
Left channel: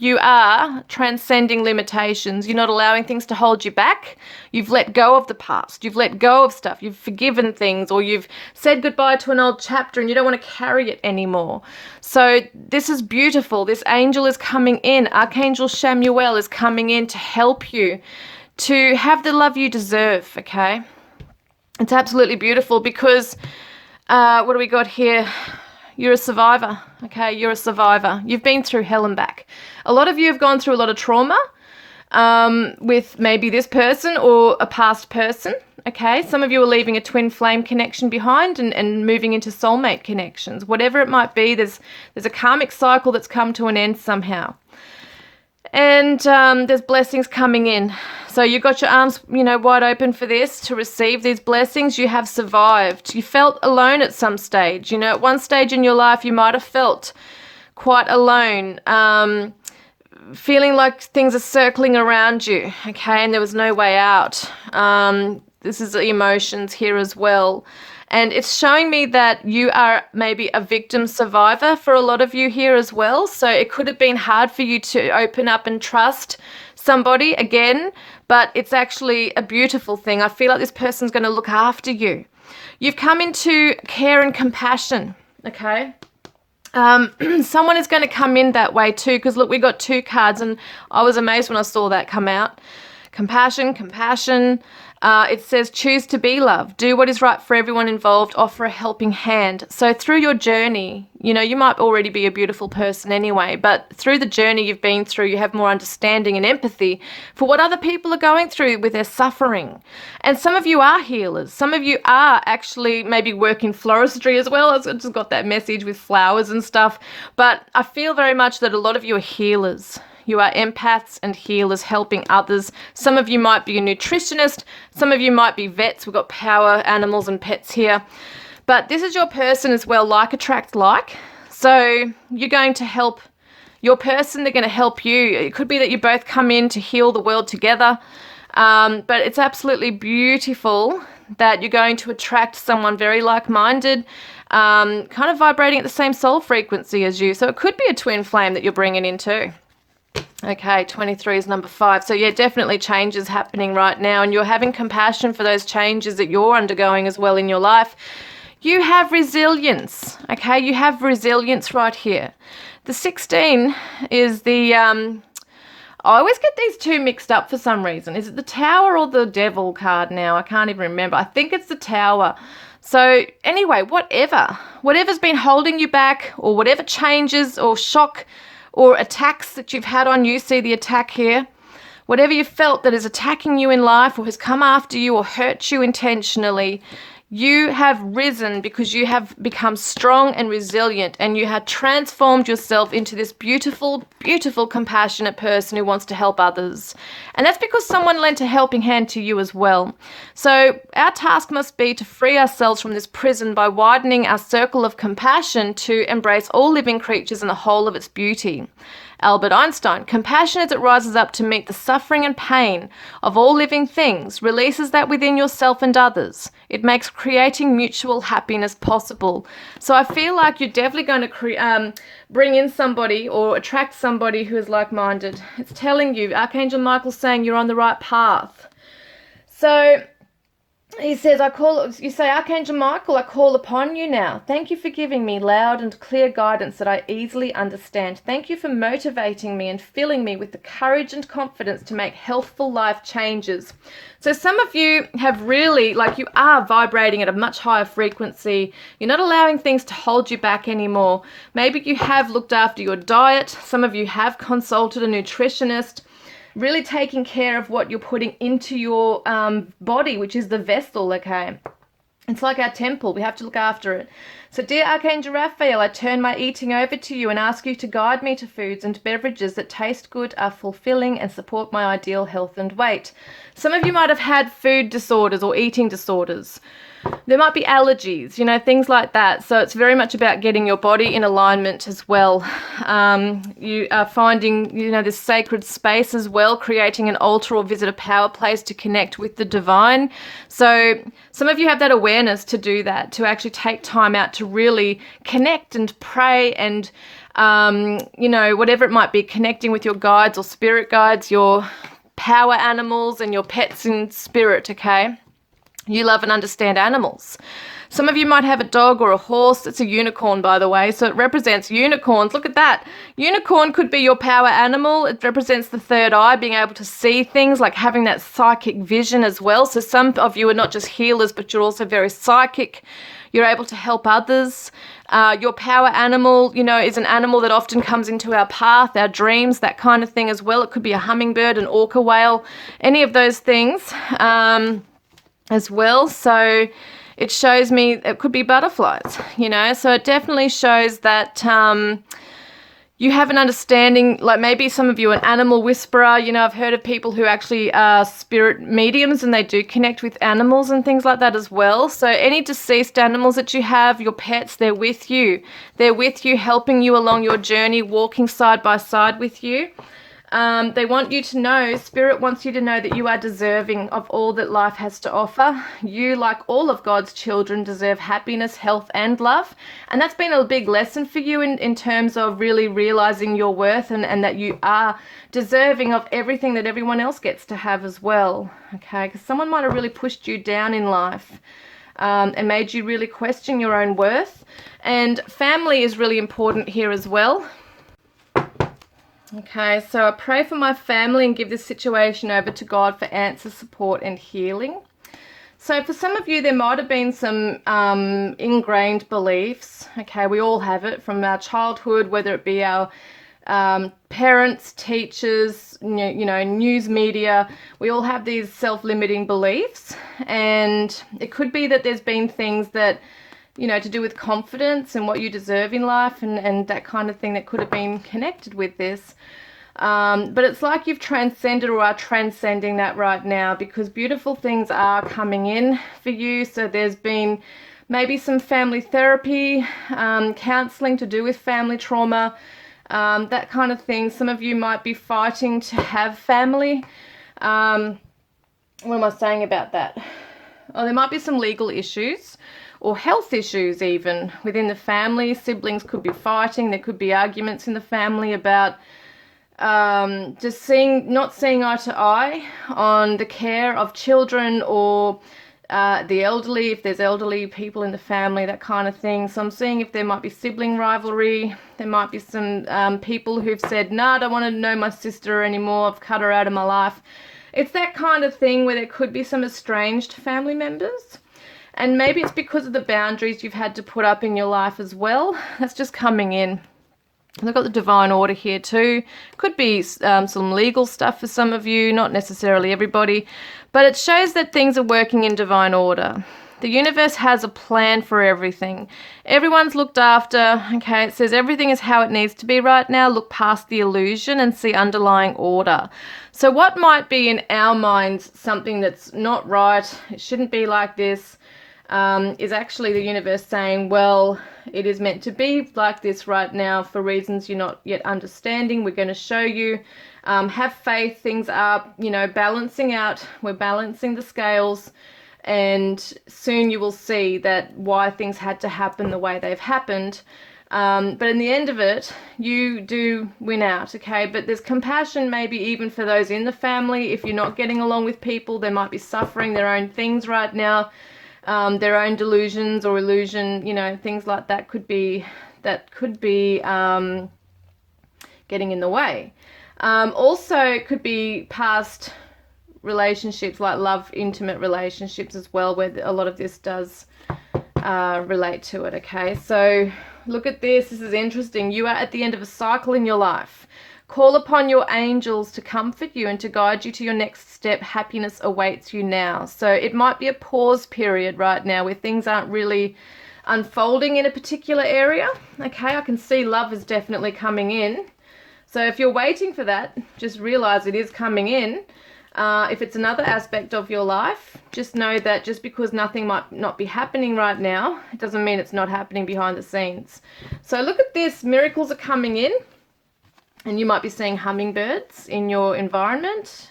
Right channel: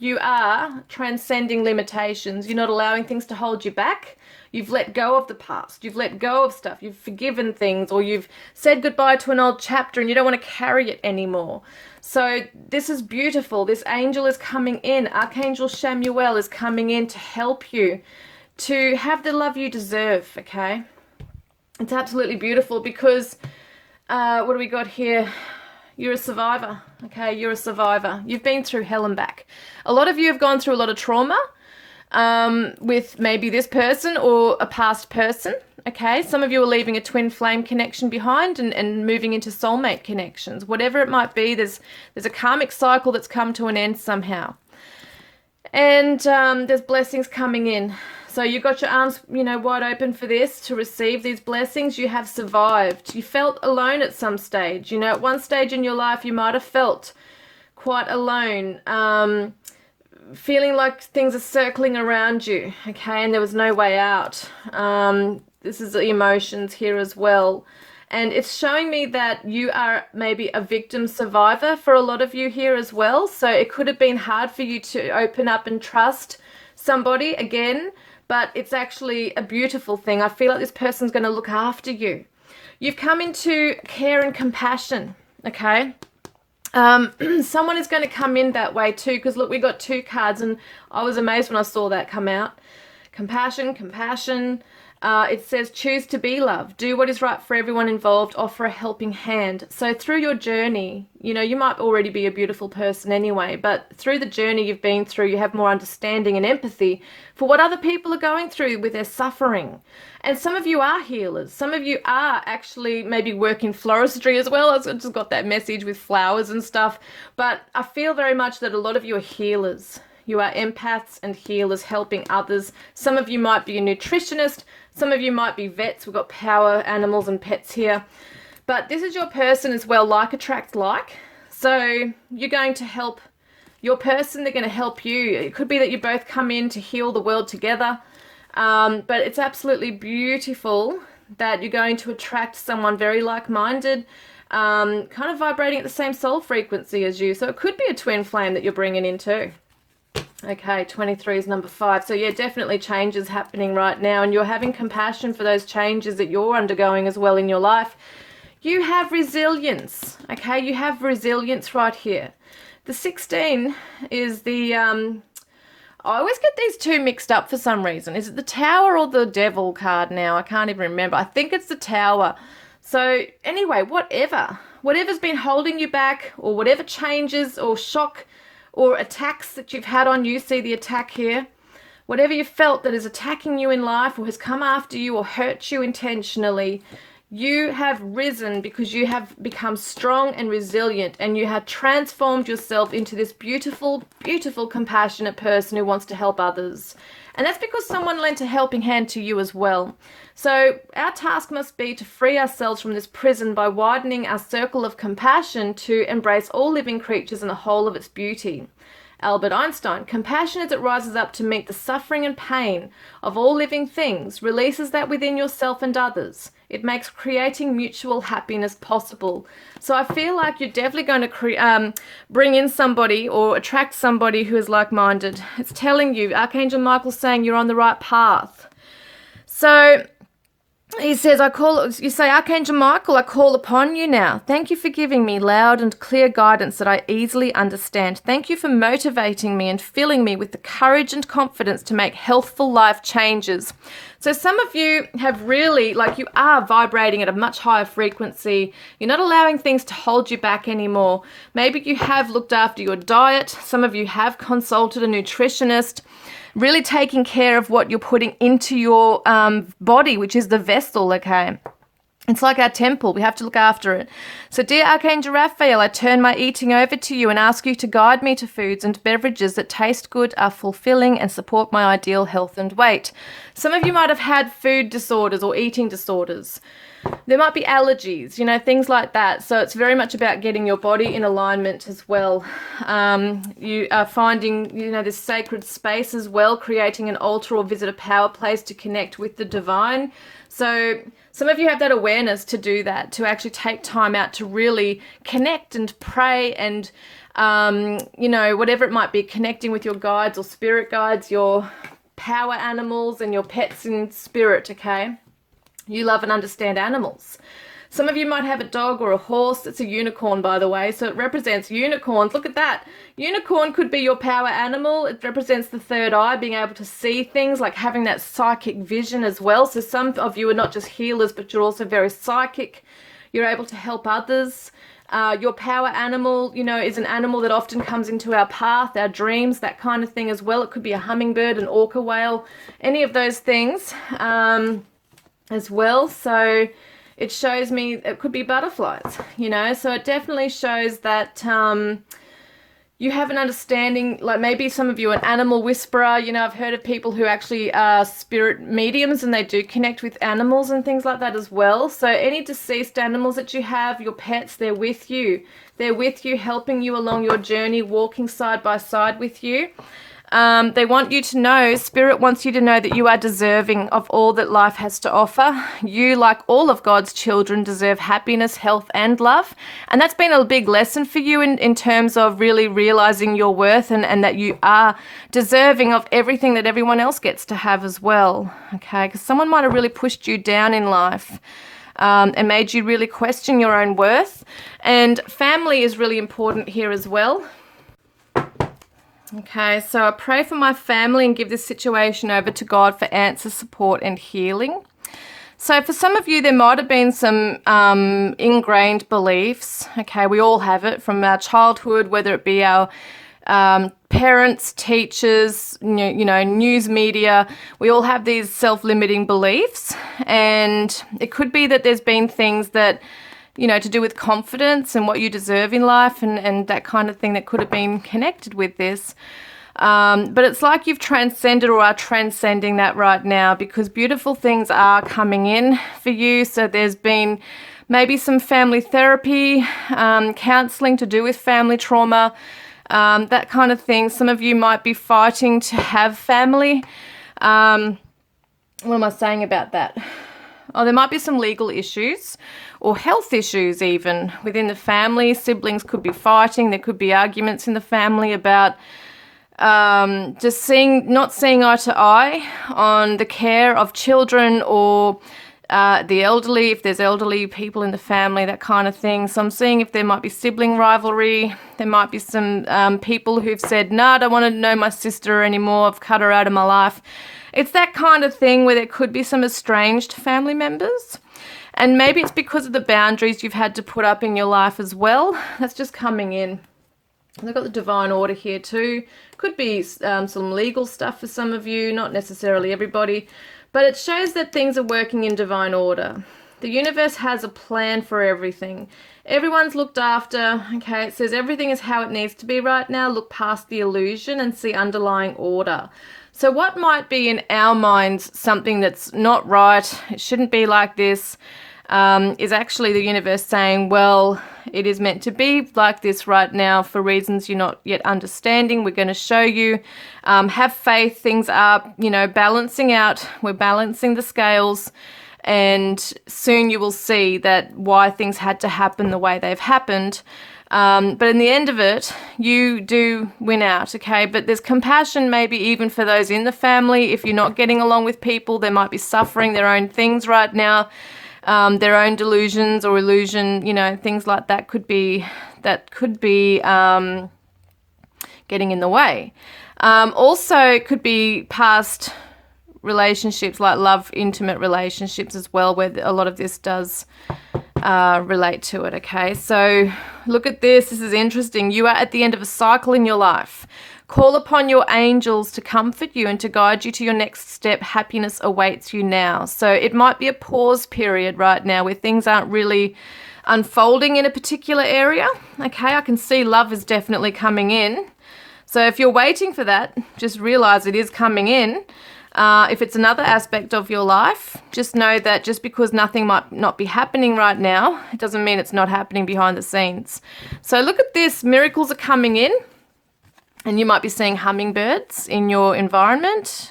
You are transcending limitations. You're not allowing things to hold you back. You've let go of the past. You've let go of stuff. You've forgiven things, or you've said goodbye to an old chapter and you don't want to carry it anymore. So this is beautiful. This angel is coming in. Archangel Chamuel is coming in to help you to have the love you deserve, okay? It's absolutely beautiful because what do we got here? You're a survivor, okay? You're a survivor. You've been through hell and back. A lot of you have gone through a lot of trauma with maybe this person or a past person, okay? Some of you are leaving a twin flame connection behind and moving into soulmate connections. Whatever it might be, there's a karmic cycle that's come to an end somehow. And there's blessings coming in. So you've got your arms, wide open for this, to receive these blessings. You have survived. You felt alone at some stage. At one stage in your life, you might have felt quite alone, feeling like things are circling around you, okay, and there was no way out. This is the emotions here as well. And it's showing me that you are maybe a victim survivor for a lot of you here as well. So it could have been hard for you to open up and trust somebody again, but it's actually a beautiful thing. I feel like this person's going to look after you. You've come into care and compassion, okay? Someone is going to come in that way too, because look, we got two cards and I was amazed when I saw that come out. Compassion. It says, choose to be loved. Do what is right for everyone involved. Offer a helping hand. So through your journey, you might already be a beautiful person anyway, but through the journey you've been through, you have more understanding and empathy for what other people are going through with their suffering. And some of you are healers. Some of you are actually maybe work in floristry as well. I just got that message with flowers and stuff. But I feel very much that a lot of you are healers. You are empaths and healers helping others. Some of you might be a nutritionist. Some of you might be vets. We've got power animals and pets here. But this is your person as well. Like attracts like. So you're going to help your person. They're going to help you. It could be that you both come in to heal the world together. But it's absolutely beautiful that you're going to attract someone very like-minded, kind of vibrating at the same soul frequency as you. So it could be a twin flame that you're bringing in too. Okay, 23 is number 5. So yeah, definitely changes happening right now, and you're having compassion for those changes that you're undergoing as well in your life. You have resilience, okay? You have resilience right here. The 16 is the, I always get these two mixed up for some reason. Is it the Tower or the Devil card now? I can't even remember. I think it's the Tower. So anyway, whatever's been holding you back, or whatever changes or shock or attacks that you've had on you, see the attack here, whatever you felt that is attacking you in life or has come after you or hurt you intentionally, you have risen because you have become strong and resilient, and you have transformed yourself into this beautiful, beautiful, compassionate person who wants to help others. And that's because someone lent a helping hand to you as well. So our task must be to free ourselves from this prison by widening our circle of compassion to embrace all living creatures in the whole of its beauty. Albert Einstein: compassion as it rises up to meet the suffering and pain of all living things releases that within yourself and others. It makes creating mutual happiness possible. So I feel like you're definitely going to bring in somebody or attract somebody who is like-minded. It's telling you, Archangel Michael's saying you're on the right path. So he says, you say, Archangel Michael, I call upon you now. Thank you for giving me loud and clear guidance that I easily understand. Thank you for motivating me and filling me with the courage and confidence to make healthful life changes. So some of you have really, you are vibrating at a much higher frequency. You're not allowing things to hold you back anymore. Maybe you have looked after your diet. Some of you have consulted a nutritionist. Really taking care of what you're putting into your body, which is the vessel, okay? It's like our temple. We have to look after it. So, dear Archangel Raphael, I turn my eating over to you and ask you to guide me to foods and beverages that taste good, are fulfilling, and support my ideal health and weight. Some of you might have had food disorders or eating disorders. There might be allergies, things like that. So it's very much about getting your body in alignment as well. You are finding, this sacred space as well, creating an altar or visit a power place to connect with the divine. So some of you have that awareness to do that, to actually take time out to really connect and pray and, whatever it might be, connecting with your guides or spirit guides, your power animals and your pets in spirit, okay? You love and understand animals. Some of you might have a dog or a horse. It's a unicorn, by the way, so it represents unicorns. Look at that. Unicorn could be your power animal. It represents the third eye, being able to see things, like having that psychic vision as well. So some of you are not just healers, but you're also very psychic. You're able to help others. Your power animal, is an animal that often comes into our path, our dreams, that kind of thing as well. It could be a hummingbird, an orca whale, any of those things. As well. So it shows me it could be butterflies, so it definitely shows that you have an understanding, like maybe some of you are an animal whisperer. I've heard of people who actually are spirit mediums and they do connect with animals and things like that as well. So any deceased animals that you have, your pets, they're with you. They're with you, helping you along your journey, walking side by side with you. They want you to know, Spirit wants you to know that you are deserving of all that life has to offer. You, like all of God's children, deserve happiness, health, and love. And that's been a big lesson for you in terms of really realizing your worth and that you are deserving of everything that everyone else gets to have as well. Okay, because someone might have really pushed you down in life. And made you really question your own worth. And family is really important here as well. Okay, so I pray for my family and give this situation over to God for answer, support, and healing. So for some of you, there might have been some ingrained beliefs. Okay, we all have it from our childhood, whether it be our parents, teachers, news media. We all have these self-limiting beliefs, and it could be that there's been things that to do with confidence and what you deserve in life and that kind of thing that could have been connected with this. But it's like you've transcended or are transcending that right now, because beautiful things are coming in for you. So there's been maybe some family therapy, counseling to do with family trauma, that kind of thing. Some of you might be fighting to have family. What am I saying about that? Oh, there might be some legal issues or health issues even within the family. Siblings could be fighting. There could be arguments in the family about just not seeing eye to eye on the care of children or the elderly, if there's elderly people in the family, that kind of thing. So I'm seeing if there might be sibling rivalry. There might be some people who've said, no, I don't want to know my sister anymore. I've cut her out of my life. It's that kind of thing where there could be some estranged family members. And maybe it's because of the boundaries you've had to put up in your life as well. That's just coming in. We've got the divine order here too. Could be some legal stuff for some of you, not necessarily everybody. But it shows that things are working in divine order. The universe has a plan for everything. Everyone's looked after. Okay, it says everything is how it needs to be right now. Look past the illusion and see underlying order. So what might be in our minds something that's not right, it shouldn't be like this, is actually the universe saying, well, it is meant to be like this right now for reasons you're not yet understanding. We're going to show you. Have faith. Things are, balancing out. We're balancing the scales. And soon you will see that why things had to happen the way they've happened. But in the end of it, you do win out, okay? But there's compassion maybe even for those in the family. If you're not getting along with people, they might be suffering their own things right now. Their own delusions or illusion, things like that could be getting in the way. Also, it could be past relationships, like love, intimate relationships as well, where a lot of this does relate to it, okay? So look at this. This is interesting. You are at the end of a cycle in your life. Call upon your angels to comfort you and to guide you to your next step. Happiness awaits you now. So it might be a pause period right now where things aren't really unfolding in a particular area. Okay, I can see love is definitely coming in. So if you're waiting for that, just realize it is coming in. If it's another aspect of your life, just know that just because nothing might not be happening right now, it doesn't mean it's not happening behind the scenes. So look at this. Miracles are coming in. And you might be seeing hummingbirds in your environment,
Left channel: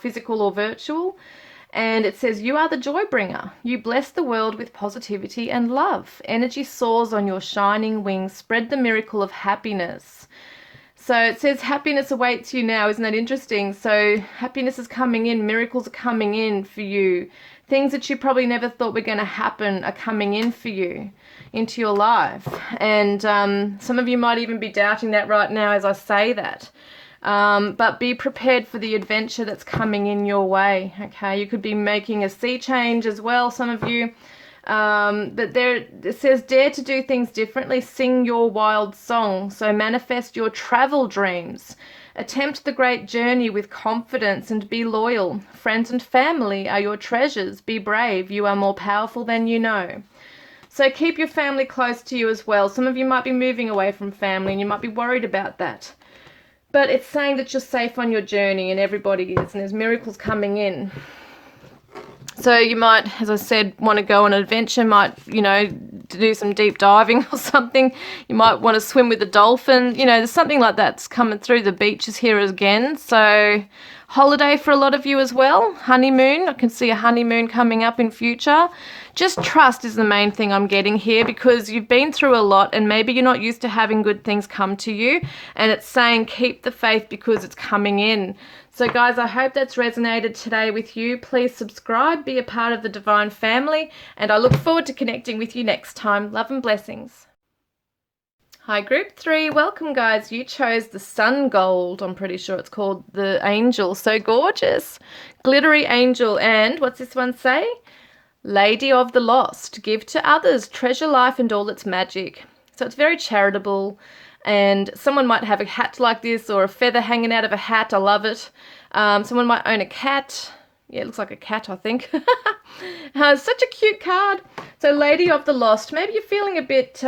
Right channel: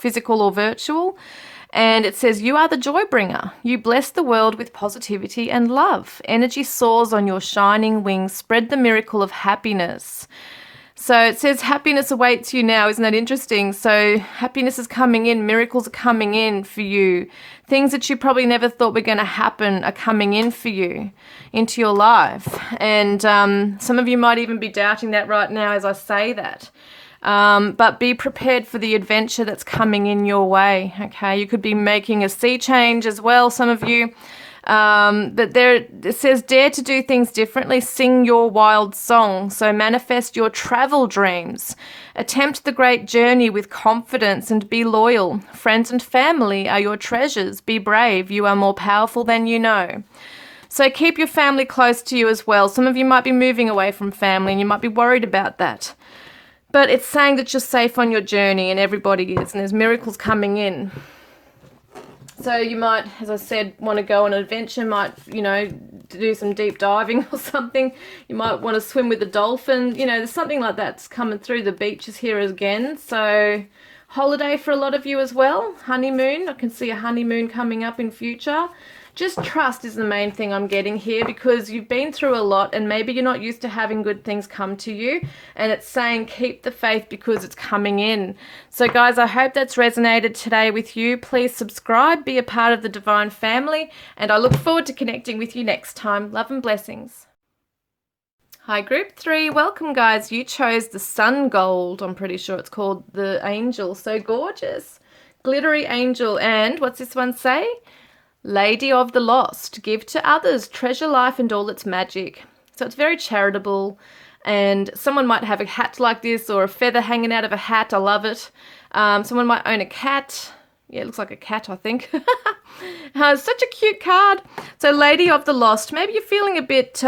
physical or virtual. And it says, you are the joy bringer. You bless the world with positivity and love. Energy soars on your shining wings. Spread the miracle of happiness. So it says happiness awaits you now. Isn't that interesting? So happiness is coming in. Miracles are coming in for you. Things that you probably never thought were going to happen are coming in for you into your life. And some of you might even be doubting that right now as I say that. But be prepared for the adventure that's coming in your way. Okay, you could be making a sea change as well, some of you. But there it says, dare to do things differently. Sing your wild song. So manifest your travel dreams. Attempt the great journey with confidence and be loyal. Friends and family are your treasures. Be brave. You are more powerful than you know. So keep your family close to you as well. Some of you might be moving away from family and you might be worried about that. But it's saying that you're safe on your journey, and everybody is, and there's miracles coming in. So you might, as I said, want to go on an adventure, might, do some deep diving or something. You might want to swim with a dolphin. There's something like that's coming through. The beaches here again. So holiday for a lot of you as well. Honeymoon. I can see a honeymoon coming up in future. Just trust is the main thing I'm getting here, because you've been through a lot and maybe you're not used to having good things come to you, and it's saying keep the faith because it's coming in. So guys, I hope that's resonated today with you. Please subscribe, be a part of the divine family, and I look forward to connecting with you next time. Love and blessings. Hi group 3, welcome guys. You chose the sun gold, I'm pretty sure it's called, the angel. So gorgeous. Glittery angel. And what's this one say? Lady of the Lost, give to others, treasure life and all its magic. So it's very charitable, and someone might have a hat like this or a feather hanging out of a hat. I love it. Someone might own a cat. Yeah, it looks like a cat, I think. Such a cute card. So Lady of the Lost, maybe you're feeling a bit,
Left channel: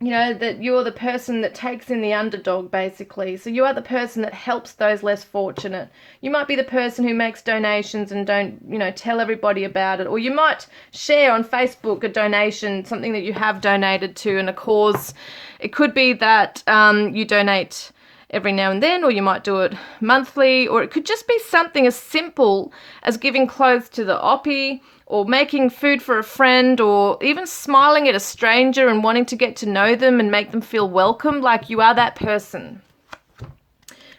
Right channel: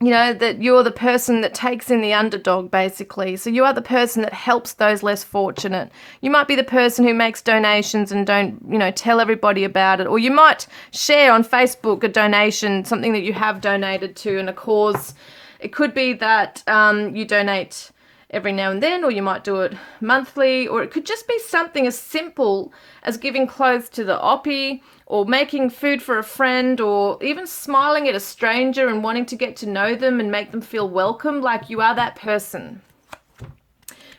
that you're the person that takes in the underdog, basically. So you are the person that helps those less fortunate. You might be the person who makes donations and don't, tell everybody about it. Or you might share on Facebook a donation, something that you have donated to, and a cause. It could be that you donate every now and then, or you might do it monthly, or it could just be something as simple as giving clothes to the oppie, or making food for a friend, or even smiling at a stranger and wanting to get to know them and make them feel welcome, like you are that person.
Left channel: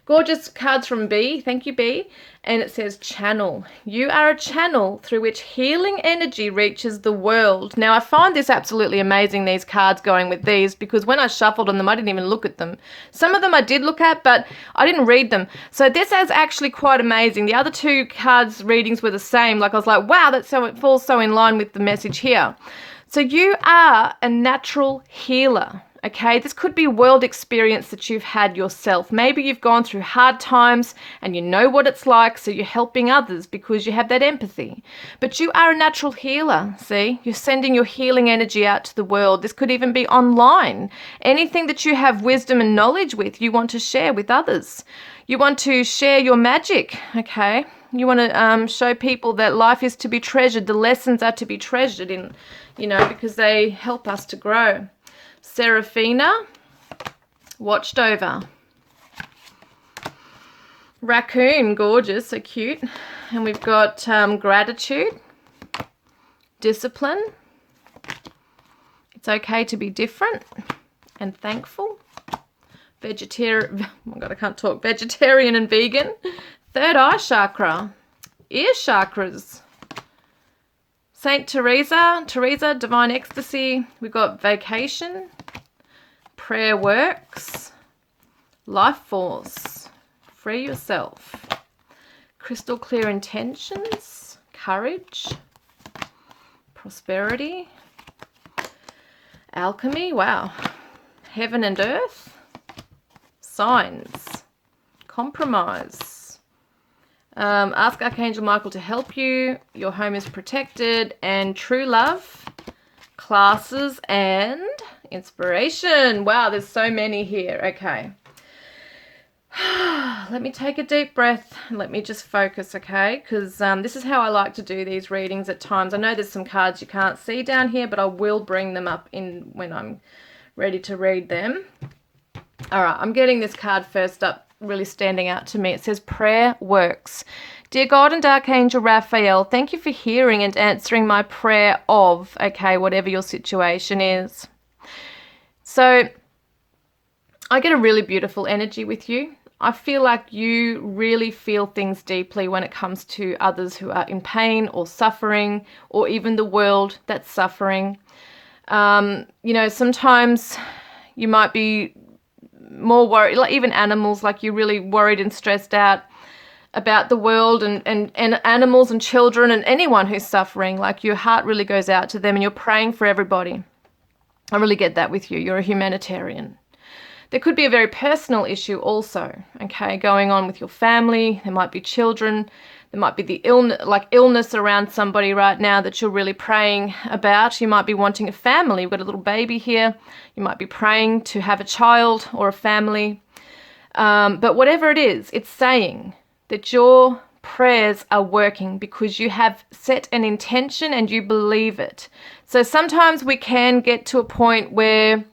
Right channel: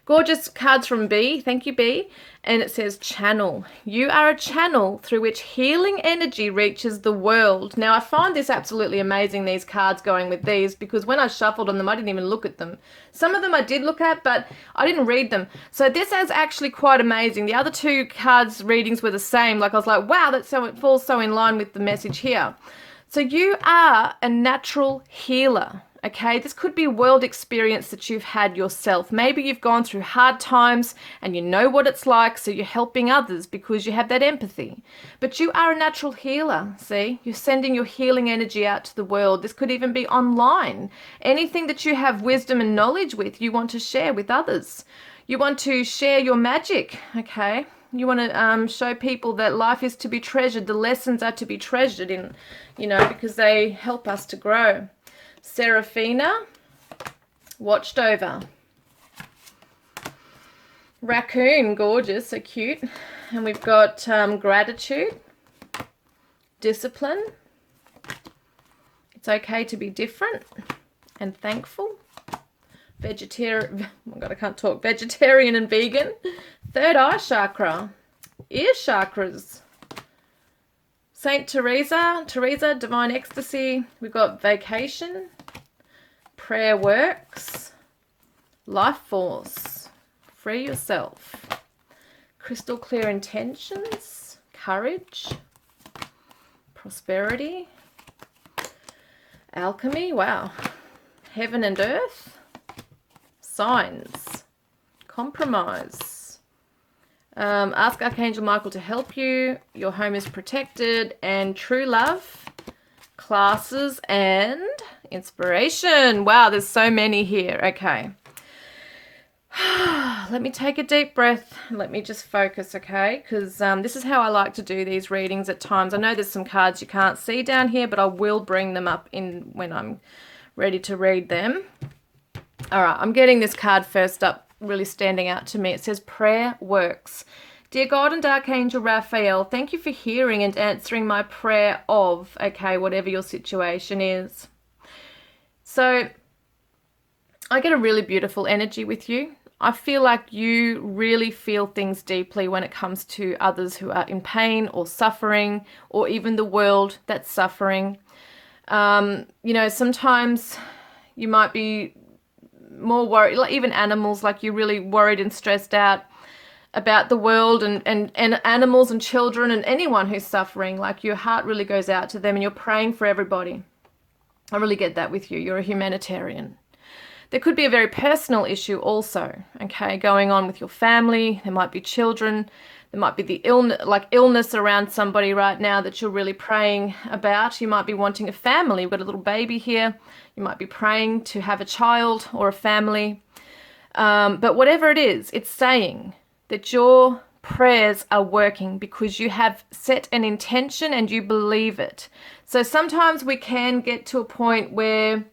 Gorgeous cards from B. Thank you, B. And it says channel. You are a channel through which healing energy reaches the world. Now, I find this absolutely amazing, these cards going with these, because when I shuffled on them, I didn't even look at them. Some of them I did look at, but I didn't read them. So this is actually quite amazing. The other two cards readings were the same. Like, I was like, wow, that's so, it falls so in line with the message here. So you are a natural healer. Okay, this could be a world experience that you've had yourself. Maybe you've gone through hard times and you know what it's like, so you're helping others because you have that empathy. But you are a natural healer, see? You're sending your healing energy out to the world. This could even be online. Anything that you have wisdom and knowledge with, you want to share with others. You want to share your magic, okay? You want to show people that life is to be treasured. The lessons are to be treasured in, you know, because they help us to grow. Seraphina, watched over. Raccoon, gorgeous, so cute. And we've got gratitude, discipline. It's okay to be different and thankful. Vegetarian, oh God, I can't talk. Vegetarian and vegan. Third eye chakra, ear chakras. Saint Teresa, divine ecstasy. We've got vacation, prayer works, life force, free yourself, crystal clear intentions, courage, prosperity, alchemy, wow, heaven and earth, signs, compromise. Ask Archangel Michael to help you. Your home is protected. And true love, classes, and inspiration. Wow, there's so many here. Okay. Let me take a deep breath. Let me just focus, okay? Because this is how I like to do these readings at times. I know there's some cards you can't see down here, but I will bring them up in when I'm ready to read them. All right, I'm getting this card first up. Really standing out to me. It says prayer works. Dear God and Archangel Raphael, thank you for hearing and answering my prayer of, okay, whatever your situation is. So I get a really beautiful energy with you. I feel like you really feel things deeply when it comes to others who are in pain or suffering, or even the world that's suffering. You know, sometimes you might be more worried, like even animals, like you're really worried and stressed out about the world and animals and children and anyone who's suffering. Like your heart really goes out to them and you're praying for everybody. I really get that with you. You're a humanitarian. There could be a very personal issue also, okay, going on with your family. There might be children. There might be the illness around somebody right now that you're really praying about. You might be wanting a family. You've got a little baby here. You might be praying to have a child or a family. But whatever it is, it's saying that your prayers are working because you have set an intention and you believe it. So sometimes we can get to a point where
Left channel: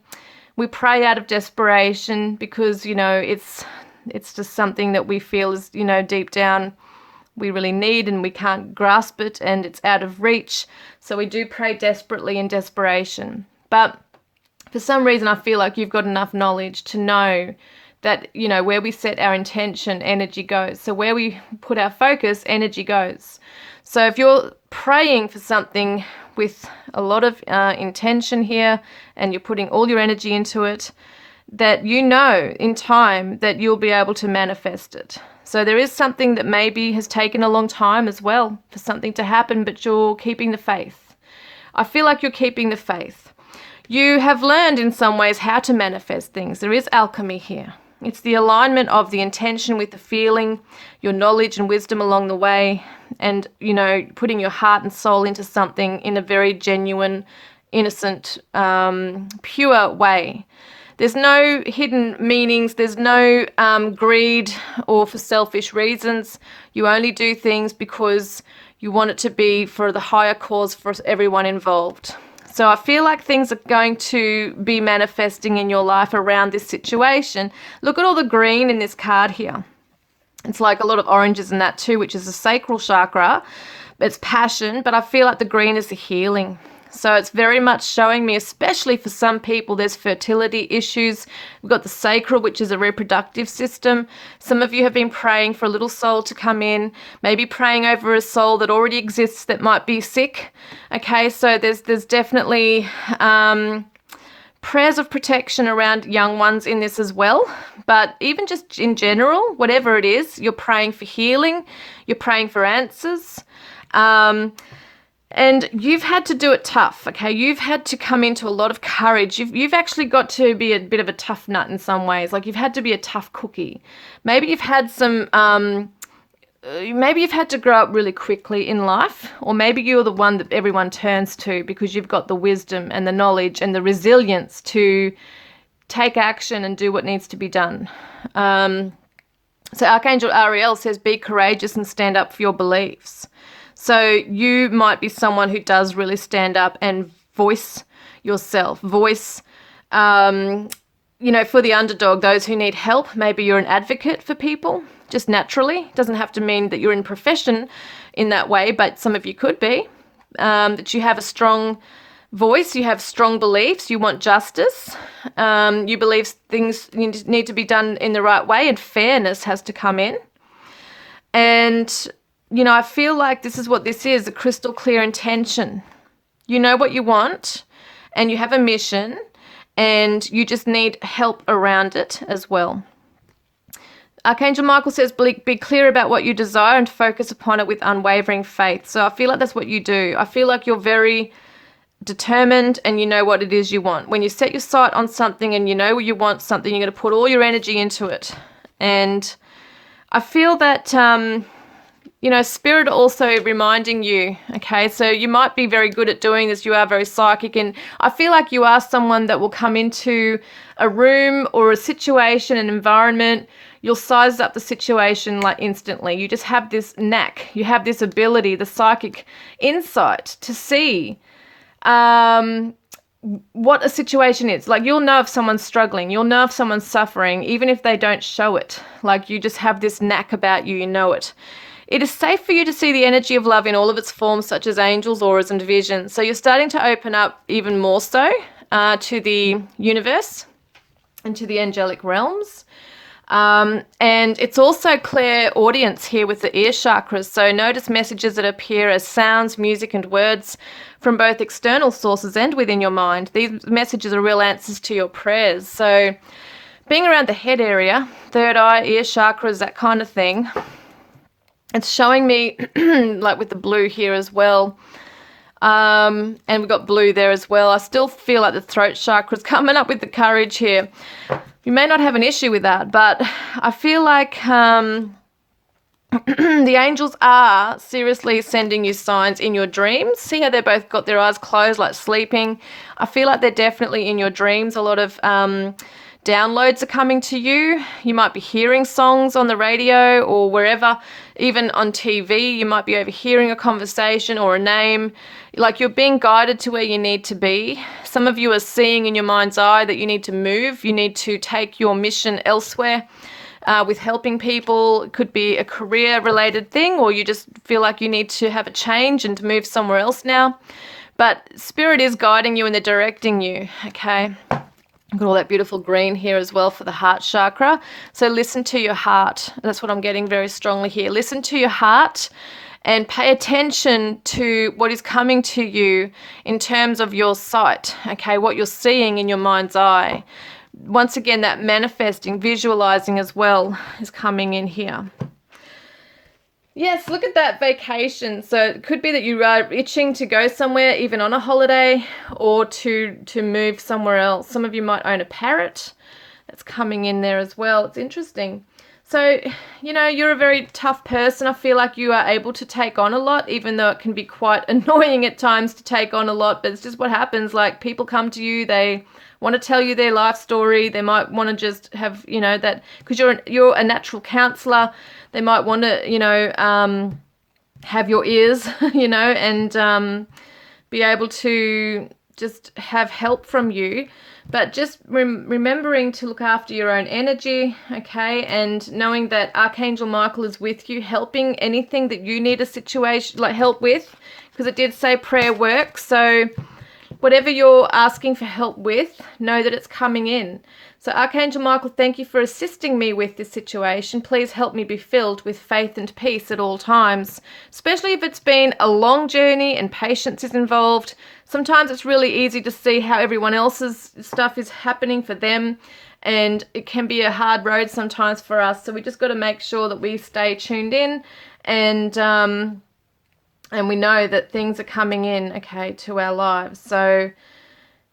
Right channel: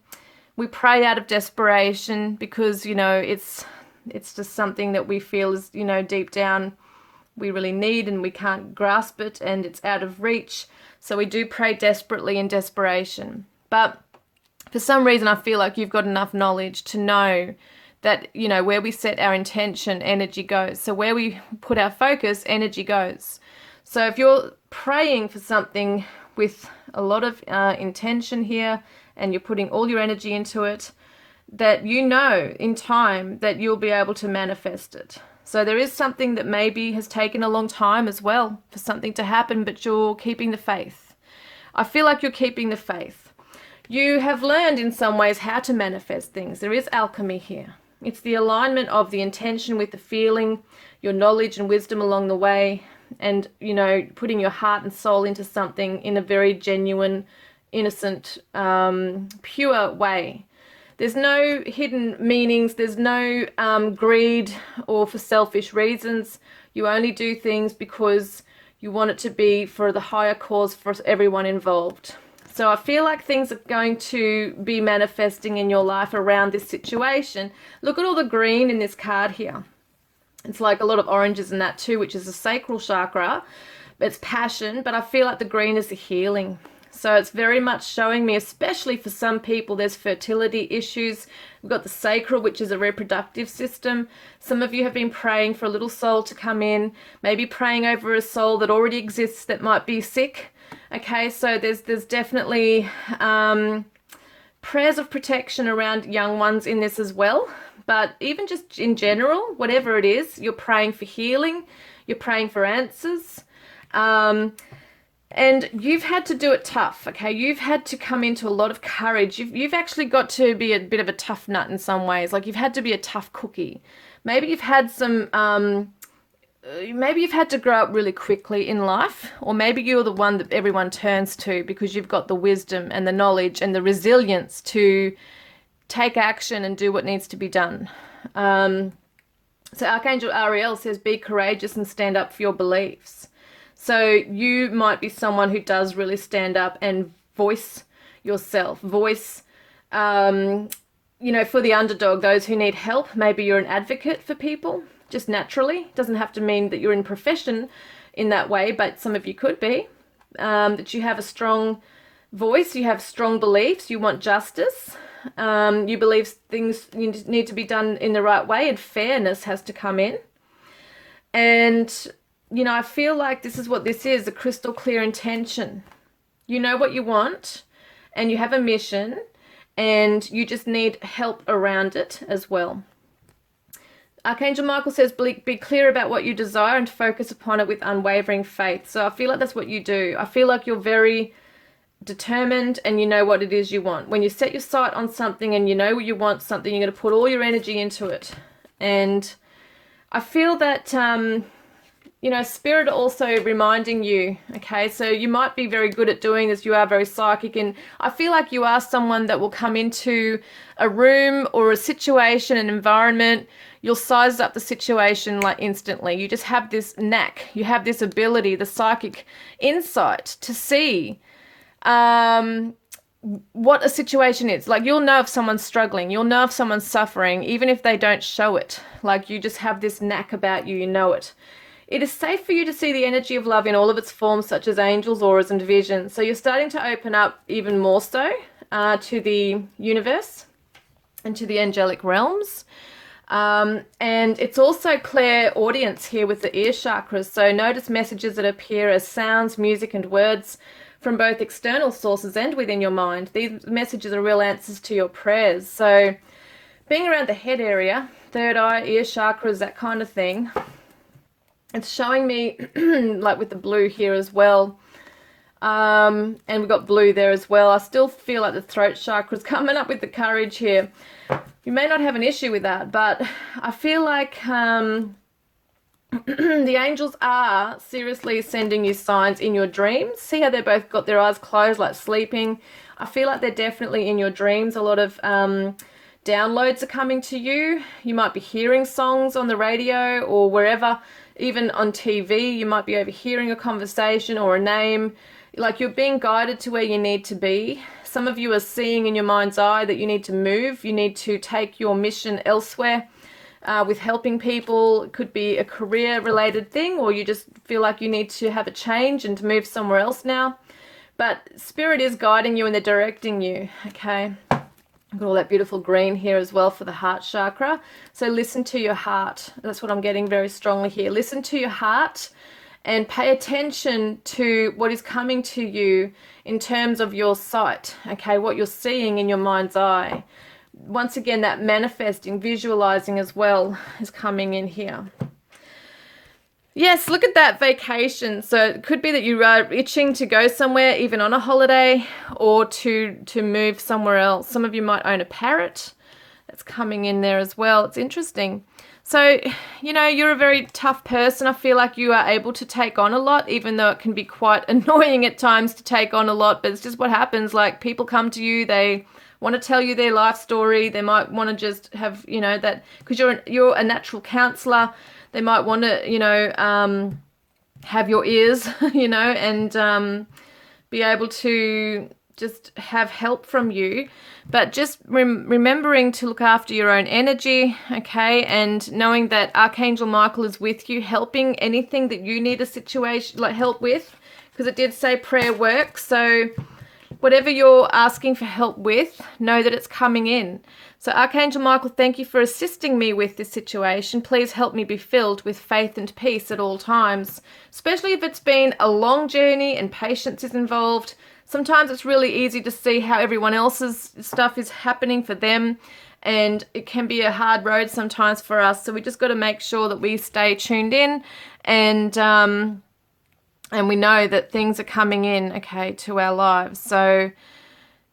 we pray out of desperation because, you know, it's just something that we feel is, you know, deep down we really need and we can't grasp it and it's out of reach. So we do pray desperately in desperation. But for some reason, I feel like you've got enough knowledge to know that, you know, where we set our intention, energy goes. So where we put our focus, energy goes. So if you're praying for something with a lot of intention here and you're putting all your energy into it, that you know in time that you'll be able to manifest it. So there is something that maybe has taken a long time as well for something to happen, but you're keeping the faith. I feel like you're keeping the faith. You have learned in some ways how to manifest things. There is alchemy here. It's the alignment of the intention with the feeling, your knowledge and wisdom along the way, and, you know, putting your heart and soul into something in a very genuine, innocent, pure way. There's no hidden meanings. There's no greed or for selfish reasons. You only do things because you want it to be for the higher cause for everyone involved. So I feel like things are going to be manifesting in your life around this situation. Look at all the green in this card here. It's like a lot of oranges in that too, which is the sacral chakra. It's passion, but I feel like the green is the healing. So it's very much showing me, especially for some people, there's fertility issues. We've got the sacral, which is a reproductive system. Some of you have been praying for a little soul to come in, maybe praying over a soul that already exists that might be sick. Okay, so there's definitely prayers of protection around young ones in this as well. But even just in general, whatever it is, you're praying for healing, you're praying for answers. And you've had to do it tough, okay? You've had to come into a lot of courage. You've actually got to be a bit of a tough nut in some ways. Like, you've had to be a tough cookie. Maybe you've had some, maybe you've had to grow up really quickly in life, or maybe you're the one that everyone turns to because you've got the wisdom and the knowledge and the resilience to take action and do what needs to be done. So Archangel Ariel says, be courageous and stand up for your beliefs. So you might be someone who does really stand up and voice yourself, voice, for the underdog, those who need help. Maybe you're an advocate for people, just naturally. Doesn't have to mean that you're in profession in that way, but some of you could be. That you have a strong voice, you have strong beliefs, you want justice, you believe things need to be done in the right way, and fairness has to come in. And I feel like this is what this is, a crystal clear intention. You know what you want, and you have a mission, and you just need help around it as well. Archangel Michael says, be clear about what you desire and focus upon it with unwavering faith. So I feel like that's what you do. I feel like you're very determined and you know what it is you want. When you set your sight on something and you know you want something, you're going to put all your energy into it. And I feel that Spirit also reminding you, okay, so you might be very good at doing this, you are very psychic, and I feel like you are someone that will come into a room or a situation, an environment, you'll size up the situation like instantly. You just have this knack, you have this ability, the psychic insight to see what a situation is. Like, you'll know if someone's struggling, you'll know if someone's suffering, even if they don't show it. Like, you just have this knack about you, you know it. It is safe for you to see the energy of love in all of its forms, such as angels, auras, and visions. So you're starting to open up even more so to the universe and to the angelic realms. And it's also clairaudience here with the ear chakras. So notice messages that appear as sounds, music, and words from both external sources and within your mind. These messages are real answers to your prayers. So being around the head area, third eye, ear chakras, that kind of thing, it's showing me, like with the blue here as well, and we've got blue there as well. I still feel like the throat chakra is coming up with the courage here. You may not have an issue with that, but I feel like the angels are seriously sending you signs in your dreams. See how they both got their eyes closed, like sleeping? I feel like they're definitely in your dreams. A lot of downloads are coming to you. You might be hearing songs on the radio or wherever, even on TV. You might be overhearing a conversation or a name. Like, you're being guided to where you need to be. Some of you are seeing in your mind's eye that you need to move. You need to take your mission elsewhere with helping people. It could be a career-related thing, or you just feel like you need to have a change and to move somewhere else now. But Spirit is guiding you and they're directing you, okay? Got all that beautiful green here as well for the heart chakra. So listen to your heart. That's what I'm getting very strongly here. Listen to your heart and pay attention to what is coming to you in terms of your sight, okay, what you're seeing in your mind's eye. Once again, that manifesting, visualizing as well is coming in here. Yes, look at that vacation. So it could be that you are itching to go somewhere, even on a holiday, or to move somewhere else. Some of you might own a parrot. That's coming in there as well. It's interesting. So, you're a very tough person. I feel like you are able to take on a lot, even though it can be quite annoying at times to take on a lot. But it's just what happens. Like, people come to you, they want to tell you their life story. They might want to just have, that, because you're a natural counselor. They might want to, have your ears, and be able to just have help from you. But just remembering to look after your own energy, okay, and knowing that Archangel Michael is with you, helping anything that you need a situation, like help with, because it did say prayer works. So whatever you're asking for help with, know that it's coming in. So Archangel Michael, thank you for assisting me with this situation. Please help me be filled with faith and peace at all times, especially if it's been a long journey and patience is involved. Sometimes it's really easy to see how everyone else's stuff is happening for them, and it can be a hard road sometimes for us. So we just got to make sure that we stay tuned in, and we know that things are coming in, okay, to our lives. So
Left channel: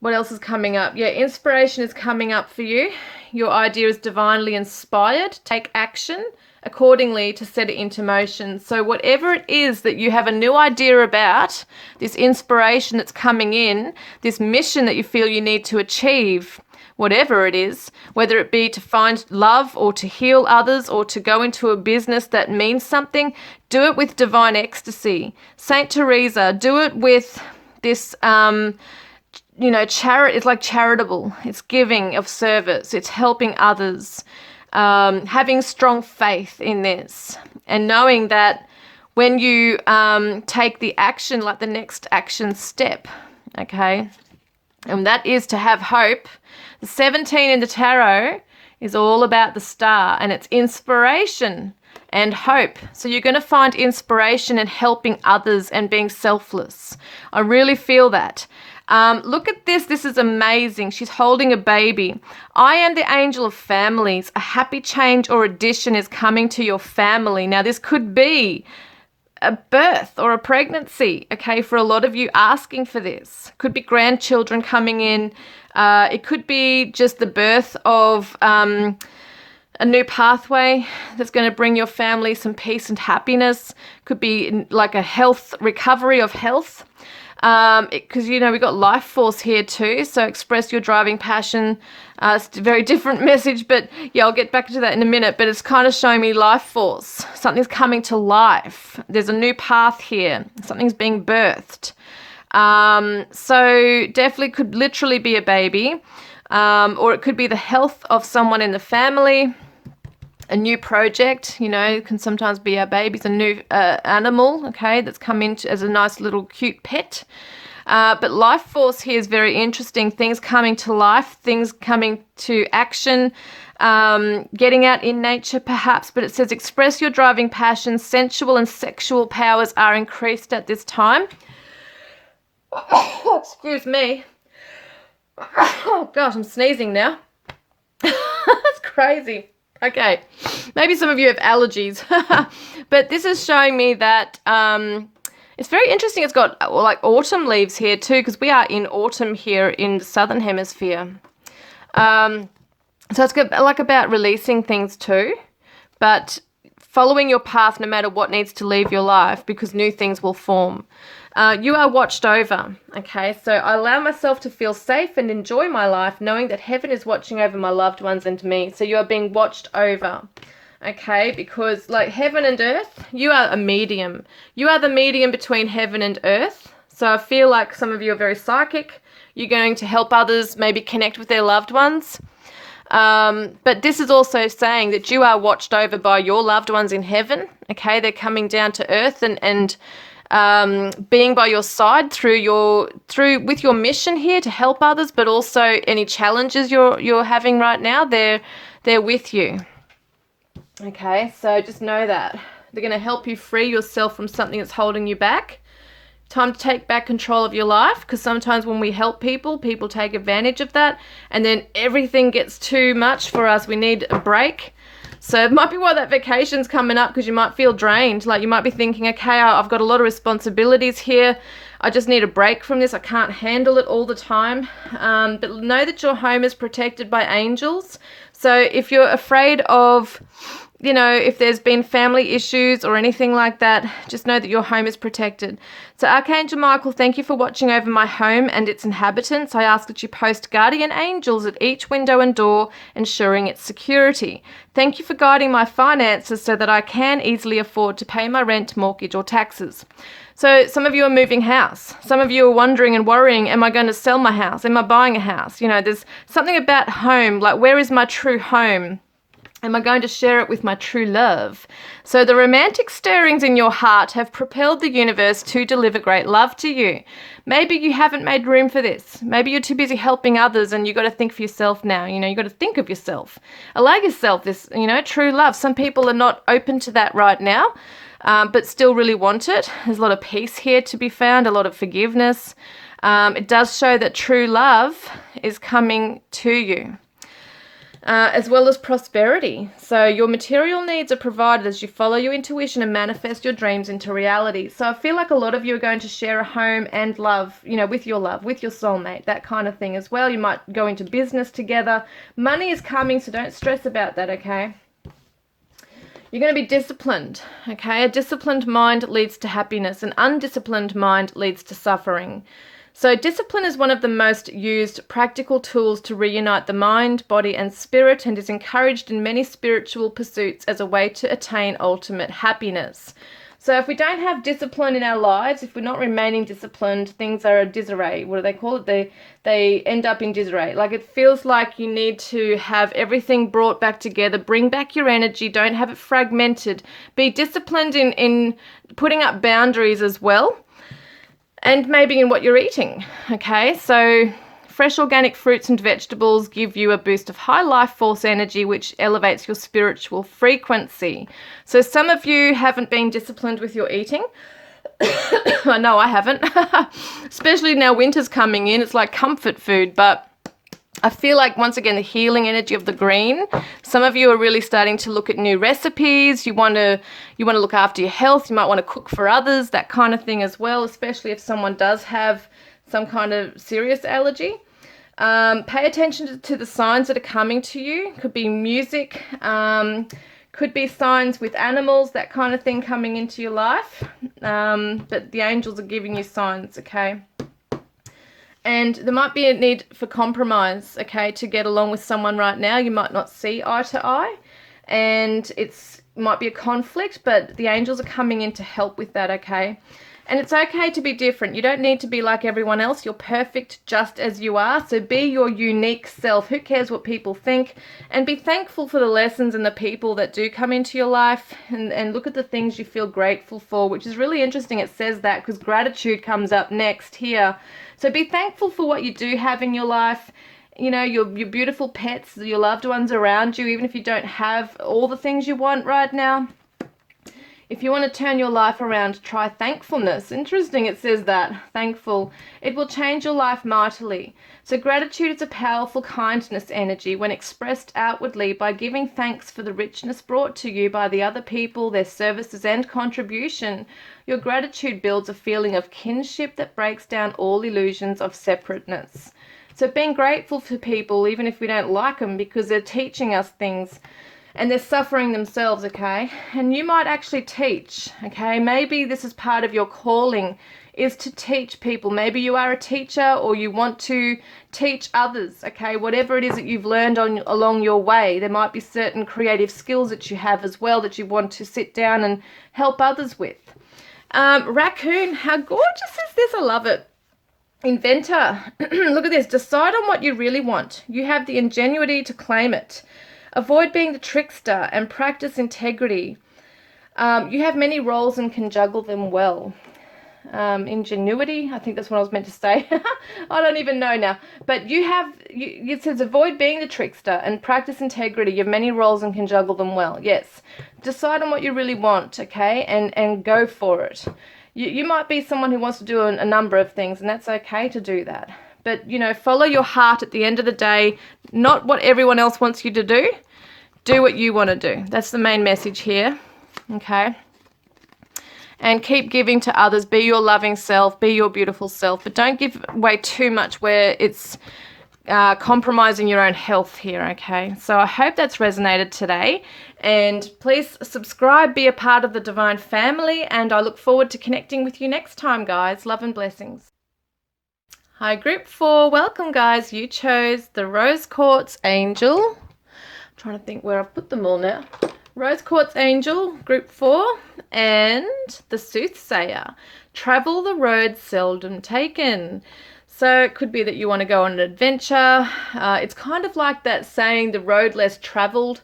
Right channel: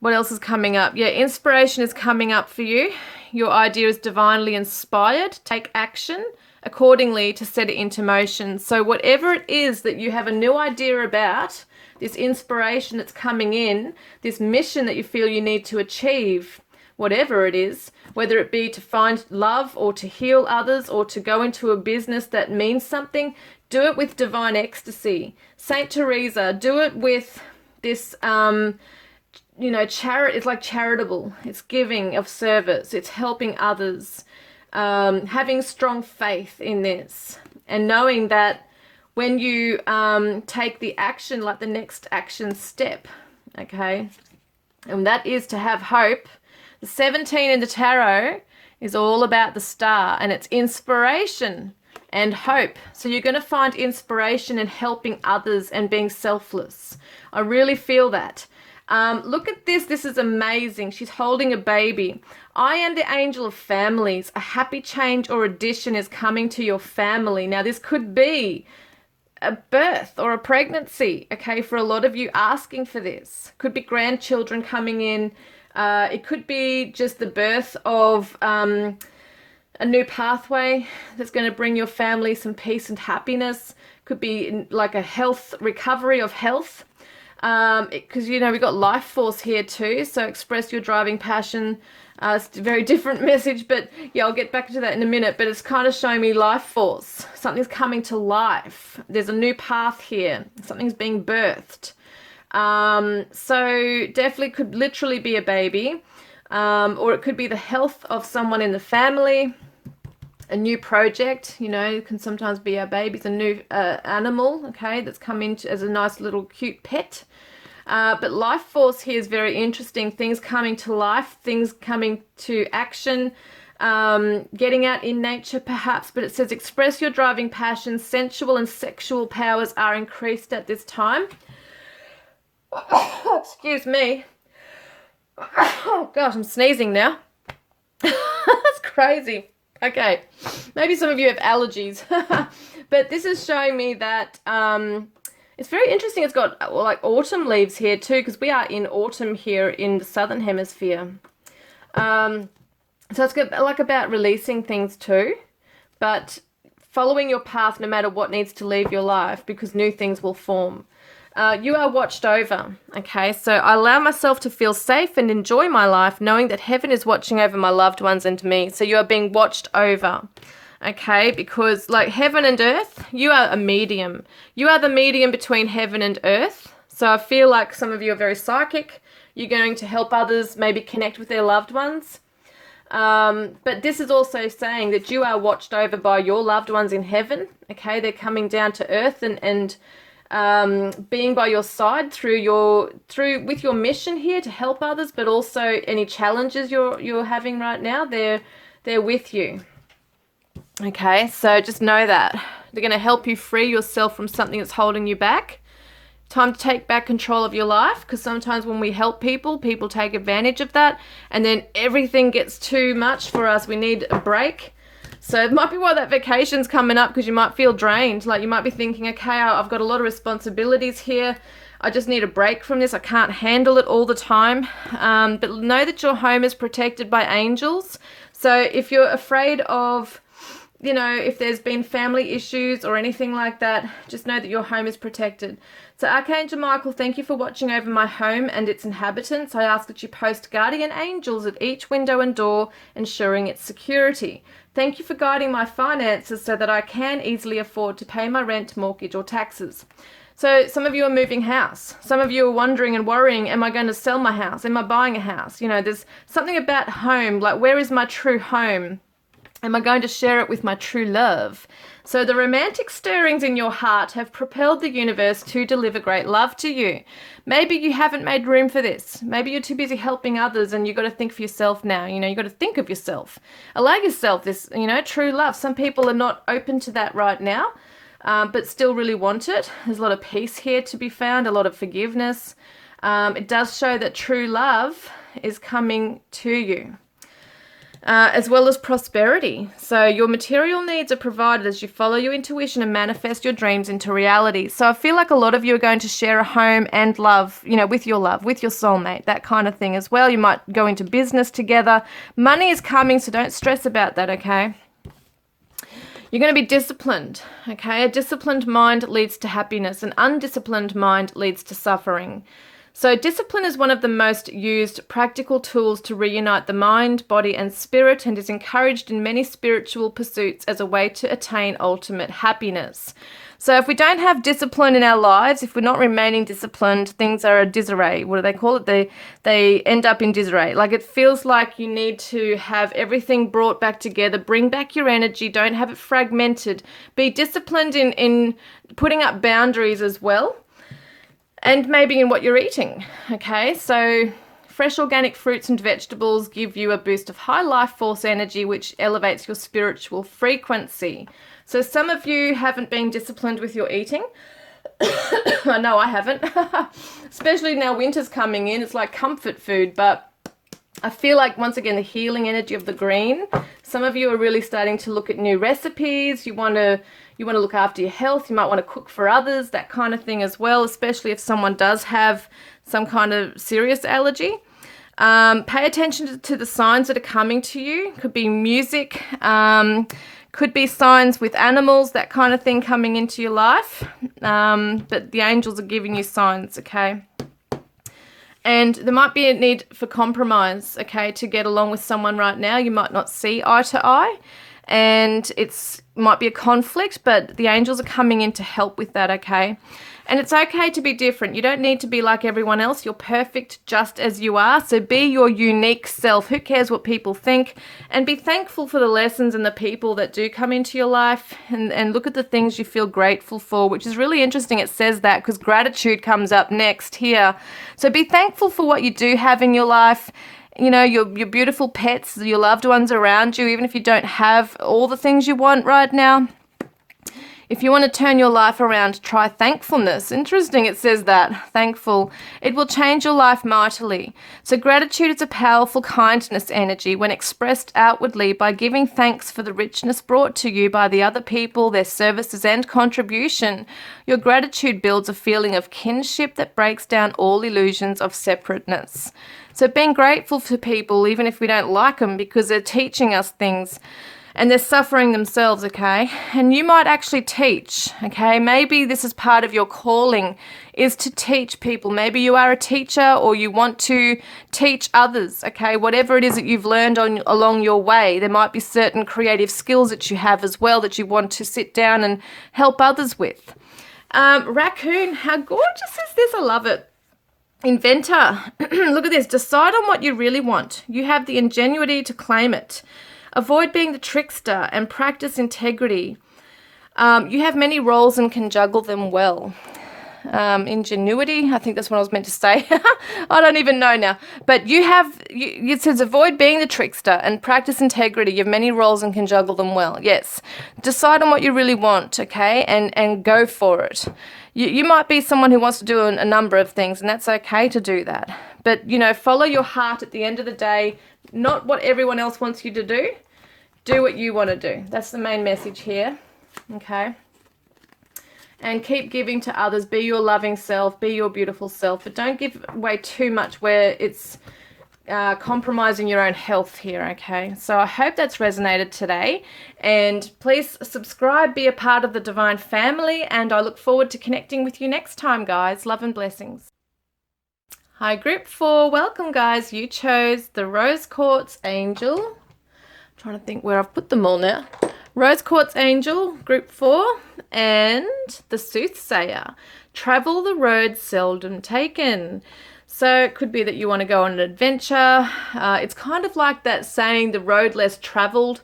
what else is coming up? Yeah, inspiration is coming up for you. Your idea is divinely inspired. Take action accordingly to set it into motion. So whatever it is that you have a new idea about, this inspiration that's coming in, this mission that you feel you need to achieve, whatever it is, whether it be to find love or to heal others or to go into a business that means something, do it with divine ecstasy. Saint Teresa, do it with this, it's like charitable. It's giving of service. It's helping others. Having strong faith in this and knowing that when you take the action, like the next action step, okay, and that is to have hope. The 17 in the tarot is all about the star, and it's inspiration and hope. So you're going to find inspiration in helping others and being selfless. I really feel that. Look at this. This is amazing. She's holding a baby. I am the angel of families. A happy change or addition is coming to your family. Now, this could be a birth or a pregnancy, okay, for a lot of you asking for this. Could be grandchildren coming in. It could be just the birth of a new pathway that's going to bring your family some peace and happiness. Could be like a health, recovery of health. Because, we got life force here too. So express your driving passion. It's a very different message, but yeah, I'll get back to that in a minute. But it's kind of showing me life force. Something's coming to life. There's a new path here. Something's being birthed. So definitely could literally be a baby, or it could be the health of someone in the family. A new project, can sometimes be our babies, a new animal, okay, that's come in as a nice little cute pet. But life force here is very interesting. Things coming to life, things coming to action, getting out in nature perhaps. But it says express your driving passions, sensual and sexual powers are increased at this time. Excuse me. Oh gosh, I'm sneezing now. That's crazy. Okay, maybe some of you have allergies, but this is showing me that it's very interesting. It's got like autumn leaves here too, because we are in autumn here in the southern hemisphere. So it's good, like about releasing things too, but following your path no matter what needs to leave your life, because new things will form. You are watched over, okay? So I allow myself to feel safe and enjoy my life, knowing that heaven is watching over my loved ones and me. So you are being watched over, okay? Because like heaven and earth, you are a medium. You are the medium between heaven and earth. So I feel like some of you are very psychic. You're going to help others maybe connect with their loved ones. But this is also saying that you are watched over by your loved ones in heaven, okay? They're coming down to earth and being by your side with your mission here to help others, but also any challenges you're having right now, they're with you. Okay, so just know that they're going to help you free yourself from something that's holding you back. Time to take back control of your life, because sometimes when we help people take advantage of that, and then everything gets too much for us. We need a break. So it might be why that vacation's coming up, because you might feel drained. Like you might be thinking, okay, I've got a lot of responsibilities here. I just need a break from this. I can't handle it all the time. But know that your home is protected by angels. So if you're afraid of, if there's been family issues or anything like that, just know that your home is protected. So Archangel Michael, thank you for watching over my home and its inhabitants. I ask that you post guardian angels at each window and door, ensuring its security. Thank you for guiding my finances so that I can easily afford to pay my rent, mortgage, or taxes. So some of you are moving house. Some of you are wondering and worrying, am I going to sell my house? Am I buying a house? There's something about home, like where is my true home? Am I going to share it with my true love? So the romantic stirrings in your heart have propelled the universe to deliver great love to you. Maybe you haven't made room for this. Maybe you're too busy helping others and you got to think for yourself now. You got to think of yourself. Allow yourself this, true love. Some people are not open to that right now, but still really want it. There's a lot of peace here to be found, a lot of forgiveness. It does show that true love is coming to you. As well as prosperity. So your material needs are provided as you follow your intuition and manifest your dreams into reality. So I feel like a lot of you are going to share a home and love, with your soulmate, that kind of thing as well. You might go into business together. Money is coming, so don't stress about that, okay? You're going to be disciplined, okay? A disciplined mind leads to happiness. An undisciplined mind leads to suffering. So discipline is one of the most used practical tools to reunite the mind, body, and spirit, and is encouraged in many spiritual pursuits as a way to attain ultimate happiness. So if we don't have discipline in our lives, if we're not remaining disciplined, things are a disarray. What do they call it? They end up in disarray. Like, it feels like you need to have everything brought back together, bring back your energy, don't have it fragmented. Be disciplined in putting up boundaries as well. And maybe in what you're eating, okay? So fresh organic fruits and vegetables give you a boost of high life force energy, which elevates your spiritual frequency. So some of you haven't been disciplined with your eating. I know I haven't, especially now winter's coming in. It's like comfort food, but I feel like, once again, the healing energy of the green. Some of you are really starting to look at new recipes. You want to look after your health. You might want to cook for others, that kind of thing as well, especially if someone does have some kind of serious allergy. Pay attention to the signs that are coming to you. Could be music, could be signs with animals, that kind of thing coming into your life. But the angels are giving you signs, okay? And there might be a need for compromise, okay, to get along with someone right now. You might not see eye to eye, and might be a conflict, but the angels are coming in to help with that, okay? And it's okay to be different. You don't need to be like everyone else. You're perfect just as you are. So be your unique self. Who cares what people think? And be thankful for the lessons and the people that do come into your life, and look at the things you feel grateful for, which is really interesting. It says that because gratitude comes up next here. So be thankful for what you do have in your life. Your beautiful pets, your loved ones around you, even if you don't have all the things you want right now. If you want to turn your life around, try thankfulness. Interesting, it says that. Thankful. It will change your life mightily. So gratitude is a powerful kindness energy when expressed outwardly by giving thanks for the richness brought to you by the other people, their services and contribution. Your gratitude builds a feeling of kinship that breaks down all illusions of separateness. So being grateful for people, even if we don't like them, because they're teaching us things. And they're suffering themselves, okay? And you might actually teach, okay? Maybe this is part of your calling, is to teach people. Maybe you are a teacher, or you want to teach others, okay? Whatever it is that you've learned along your way, there might be certain creative skills that you have as well that you want to sit down and help others with. Raccoon, how gorgeous is this? I love it. Inventor, look at this. Decide on what you really want. You have the ingenuity to claim it. Avoid being the trickster and practice integrity. You have many roles and can juggle them well. Ingenuity, I think that's what I was meant to say. I don't even know now. But it says avoid being the trickster and practice integrity. You have many roles and can juggle them well. Yes. Decide on what you really want, okay, and go for it. You might be someone who wants to do a number of things, and that's okay to do that. But, follow your heart at the end of the day, not what everyone else wants you to do. Do what you want to do. That's the main message here, okay? And keep giving to others. Be your loving self. Be your beautiful self. But don't give away too much where it's compromising your own health here, okay? So I hope that's resonated today. And please subscribe, be a part of the Divine Family, and I look forward to connecting with you next time, guys. Love and blessings. Hi, Group 4. Welcome, guys. You chose the Rose Quartz Angel. I'm trying to think where I've put them all now. Rose Quartz Angel, Group 4, and the Soothsayer. Travel the road seldom taken. So it could be that you want to go on an adventure. It's kind of like that saying, the road less traveled.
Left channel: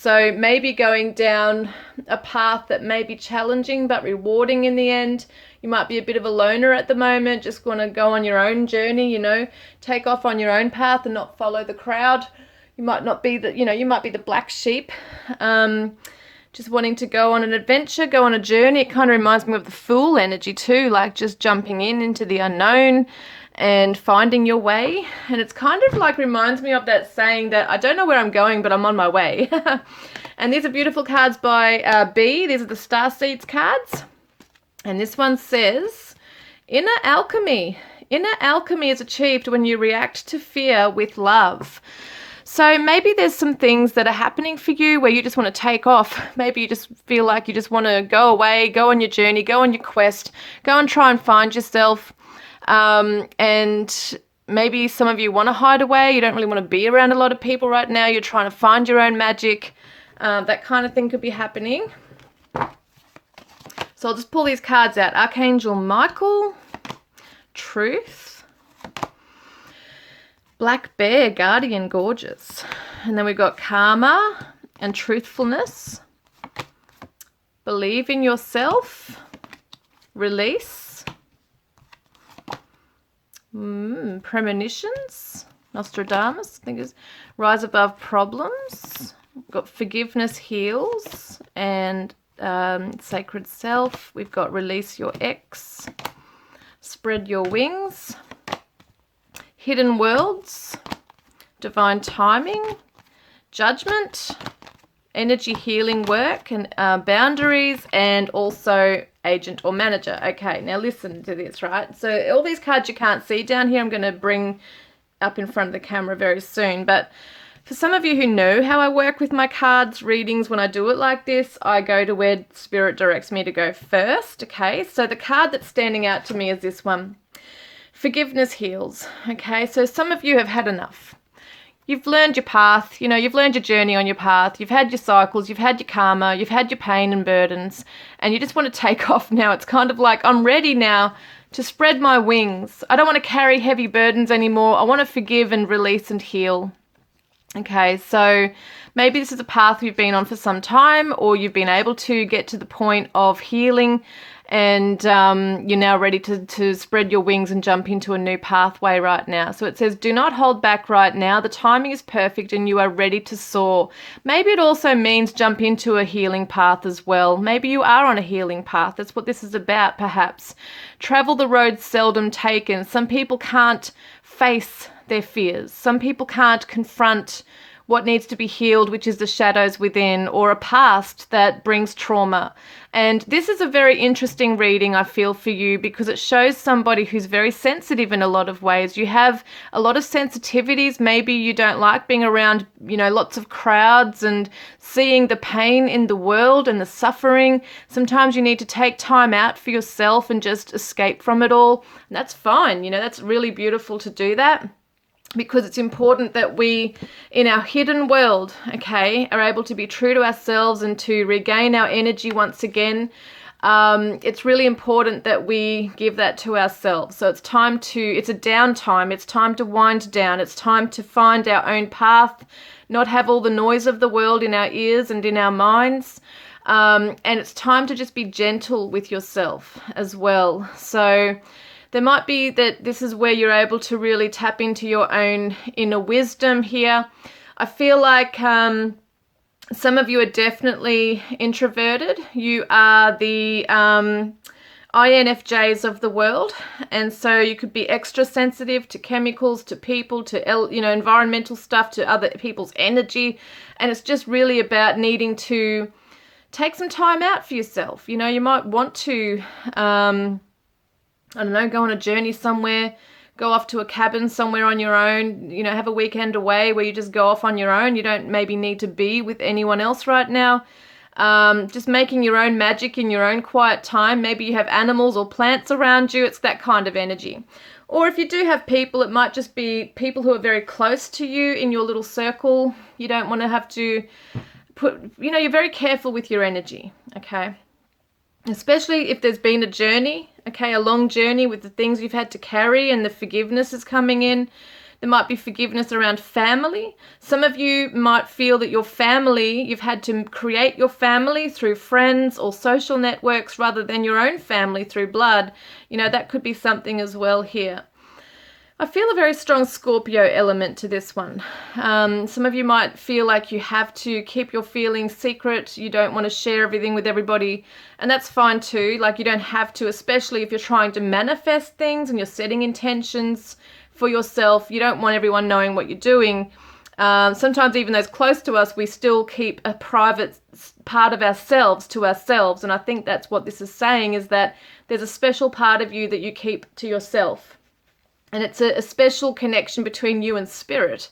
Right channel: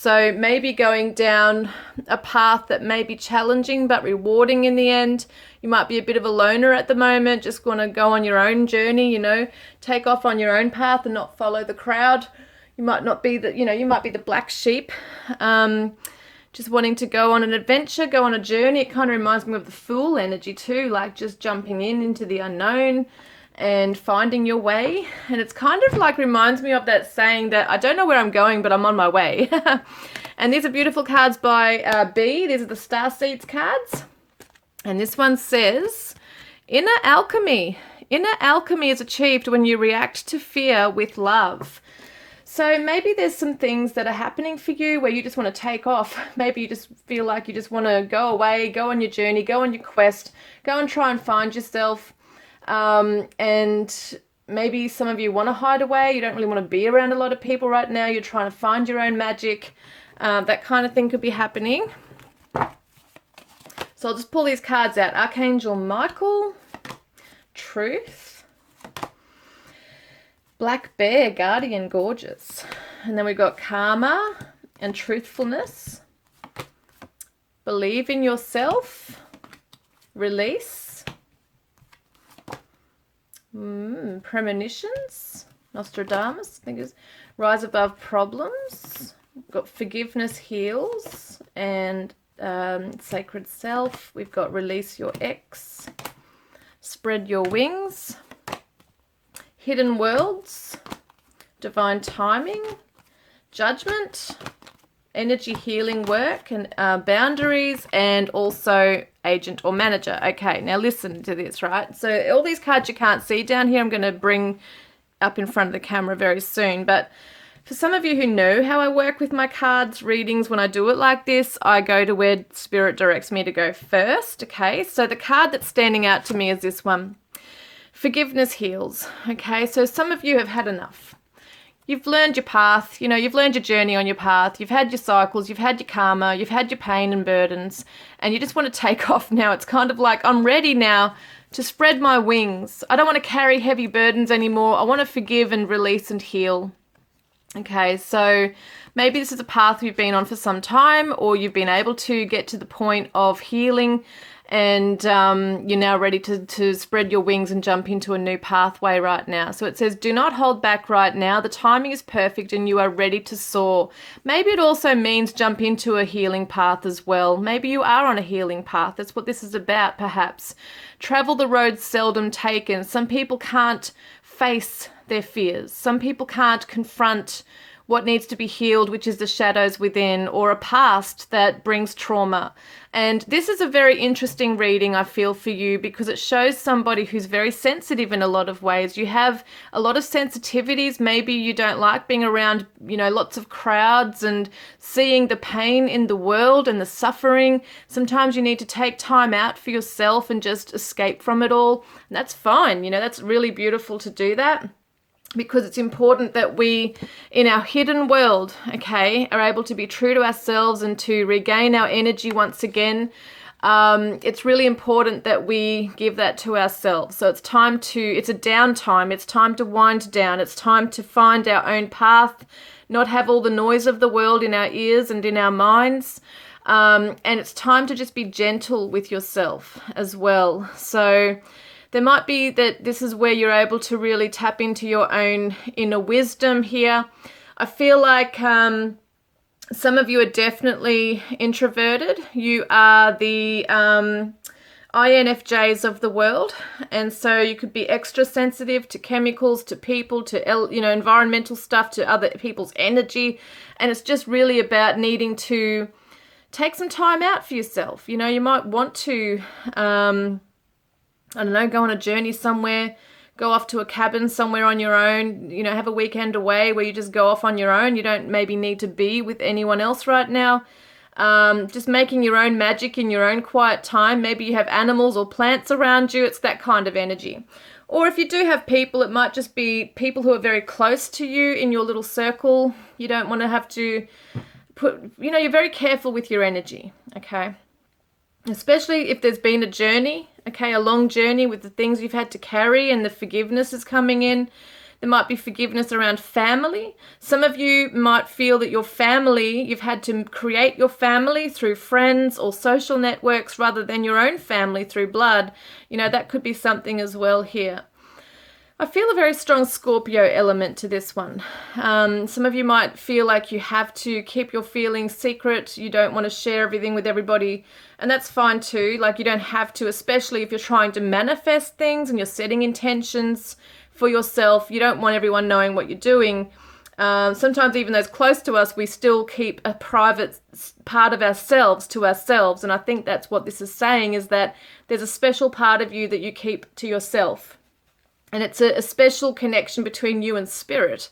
So maybe going down a path that may be challenging but rewarding in the end. You might be a bit of a loner at the moment, just want to go on your own journey, you know, take off on your own path and not follow the crowd. You might not be the, you know, you might be the black sheep, just wanting to go on an adventure, go on a journey. It kind of reminds me of the Fool energy too, like just jumping into the unknown and finding your way. And it's kind of like reminds me of that saying that I don't know where I'm going, but I'm on my way. And these are beautiful cards by B. These are the Star Seeds cards. And this one says, inner alchemy. Inner alchemy is achieved when you react to fear with love. So maybe there's some things that are happening for you where you just want to take off. Maybe you just feel like you just want to go away, go on your journey, go on your quest, go and try and find yourself. And maybe some of you want to hide away. You don't really want to be around a lot of people right now. You're trying to find your own magic. That kind of thing could be happening. So I'll just pull these cards out. Archangel Michael, Truth, Black Bear, Guardian, Gorgeous. And then we've got Karma and Truthfulness, Believe in Yourself, Release, Premonitions, Nostradamus, I think it's Rise Above Problems. We've got Forgiveness Heals and Sacred Self. We've got Release Your Ex, Spread Your Wings, Hidden Worlds, Divine Timing, Judgment, Energy Healing Work, and Boundaries, and also Agent or Manager. Okay, now listen to this, right? So all these cards you can't see down here, I'm going to bring up in front of the camera very soon, but for some of you who know how I work with my cards readings, when I do it like this, I go to where Spirit directs me to go first, okay? So the card that's standing out to me is this one. Forgiveness Heals, okay? So some of you have had enough. You've learned your path, you know, you've learned your journey on your path, you've had your cycles, you've had your karma, you've had your pain and burdens, and you just want to take off now. It's kind of like, I'm ready now to spread my wings. I don't want to carry heavy burdens anymore. I want to forgive and release and heal. Okay, so maybe this is a path you've been on for some time, or you've been able to get to the point of healing, and you're now ready to spread your wings and jump into a new pathway right now. So it says, do not hold back right now. The timing is perfect and you are ready to soar. Maybe it also means jump into a healing path as well. Maybe you are on a healing path. That's what this is about, perhaps. Travel the road seldom taken. Some people can't face their fears. Some people can't confront what needs to be healed, which is the shadows within, or a past that brings trauma. And this is a very interesting reading, I feel, for you, because it shows somebody who's very sensitive in a lot of ways. You have a lot of sensitivities. Maybe you don't like being around, you know, lots of crowds and seeing the pain in the world and the suffering. Sometimes you need to take time out for yourself and just escape from it all. And that's fine. You know, that's really beautiful to do that, because it's important that we, in our hidden world, okay, are able to be true to ourselves and to regain our energy once again. It's really important that we give that to ourselves. So it's a downtime. It's time to wind down. It's time to find our own path, not have all the noise of the world in our ears and in our minds. And it's time to just be gentle with yourself as well. So there might be that this is where you're able to really tap into your own inner wisdom here. I feel like some of you are definitely introverted. You are the INFJs of the world, and so you could be extra sensitive to chemicals, to people, to environmental stuff, to other people's energy, and it's just really about needing to take some time out for yourself. You know, you might want to I don't know, go on a journey somewhere, go off to a cabin somewhere on your own, you know, have a weekend away where you just go off on your own. You don't maybe need to be with anyone else right now. Just making your own magic in your own quiet time. Maybe you have animals or plants around you. It's that kind of energy. Or if you do have people, it might just be people who are very close to you in your little circle. You don't want to have to you're very careful with your energy, okay? Especially if there's been a journey, okay, a long journey with the things you've had to carry and the forgiveness is coming in. There might be forgiveness around family. Some of you might feel that your family, you've had to create your family through friends or social networks rather than your own family through blood. That could be something as well here. I feel a very strong Scorpio element to this one. Some of you might feel like you have to keep your feelings secret. You don't want to share everything with everybody. And that's fine too. Like, you don't have to, especially if you're trying to manifest things and you're setting intentions for yourself. You don't want everyone knowing what you're doing. Sometimes even those close to us, we still keep a private part of ourselves to ourselves. And I think that's what this is saying, is that there's a special part of you that you keep to yourself. And it's a special connection between you and spirit.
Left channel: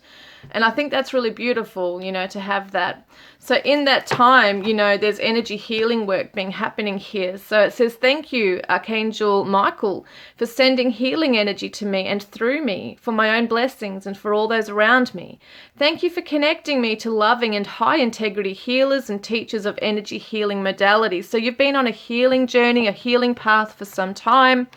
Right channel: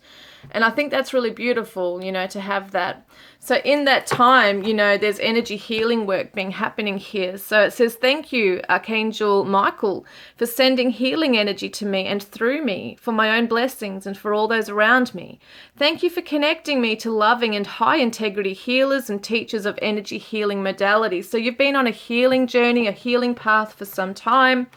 And I think that's really beautiful, to have that. So in that time, there's energy healing work happening here. So it says, thank you, Archangel Michael, for sending healing energy to me and through me for my own blessings and for all those around me. Thank you for connecting me to loving and high integrity healers and teachers of energy healing modalities. So you've been on a healing journey, a healing path for some time.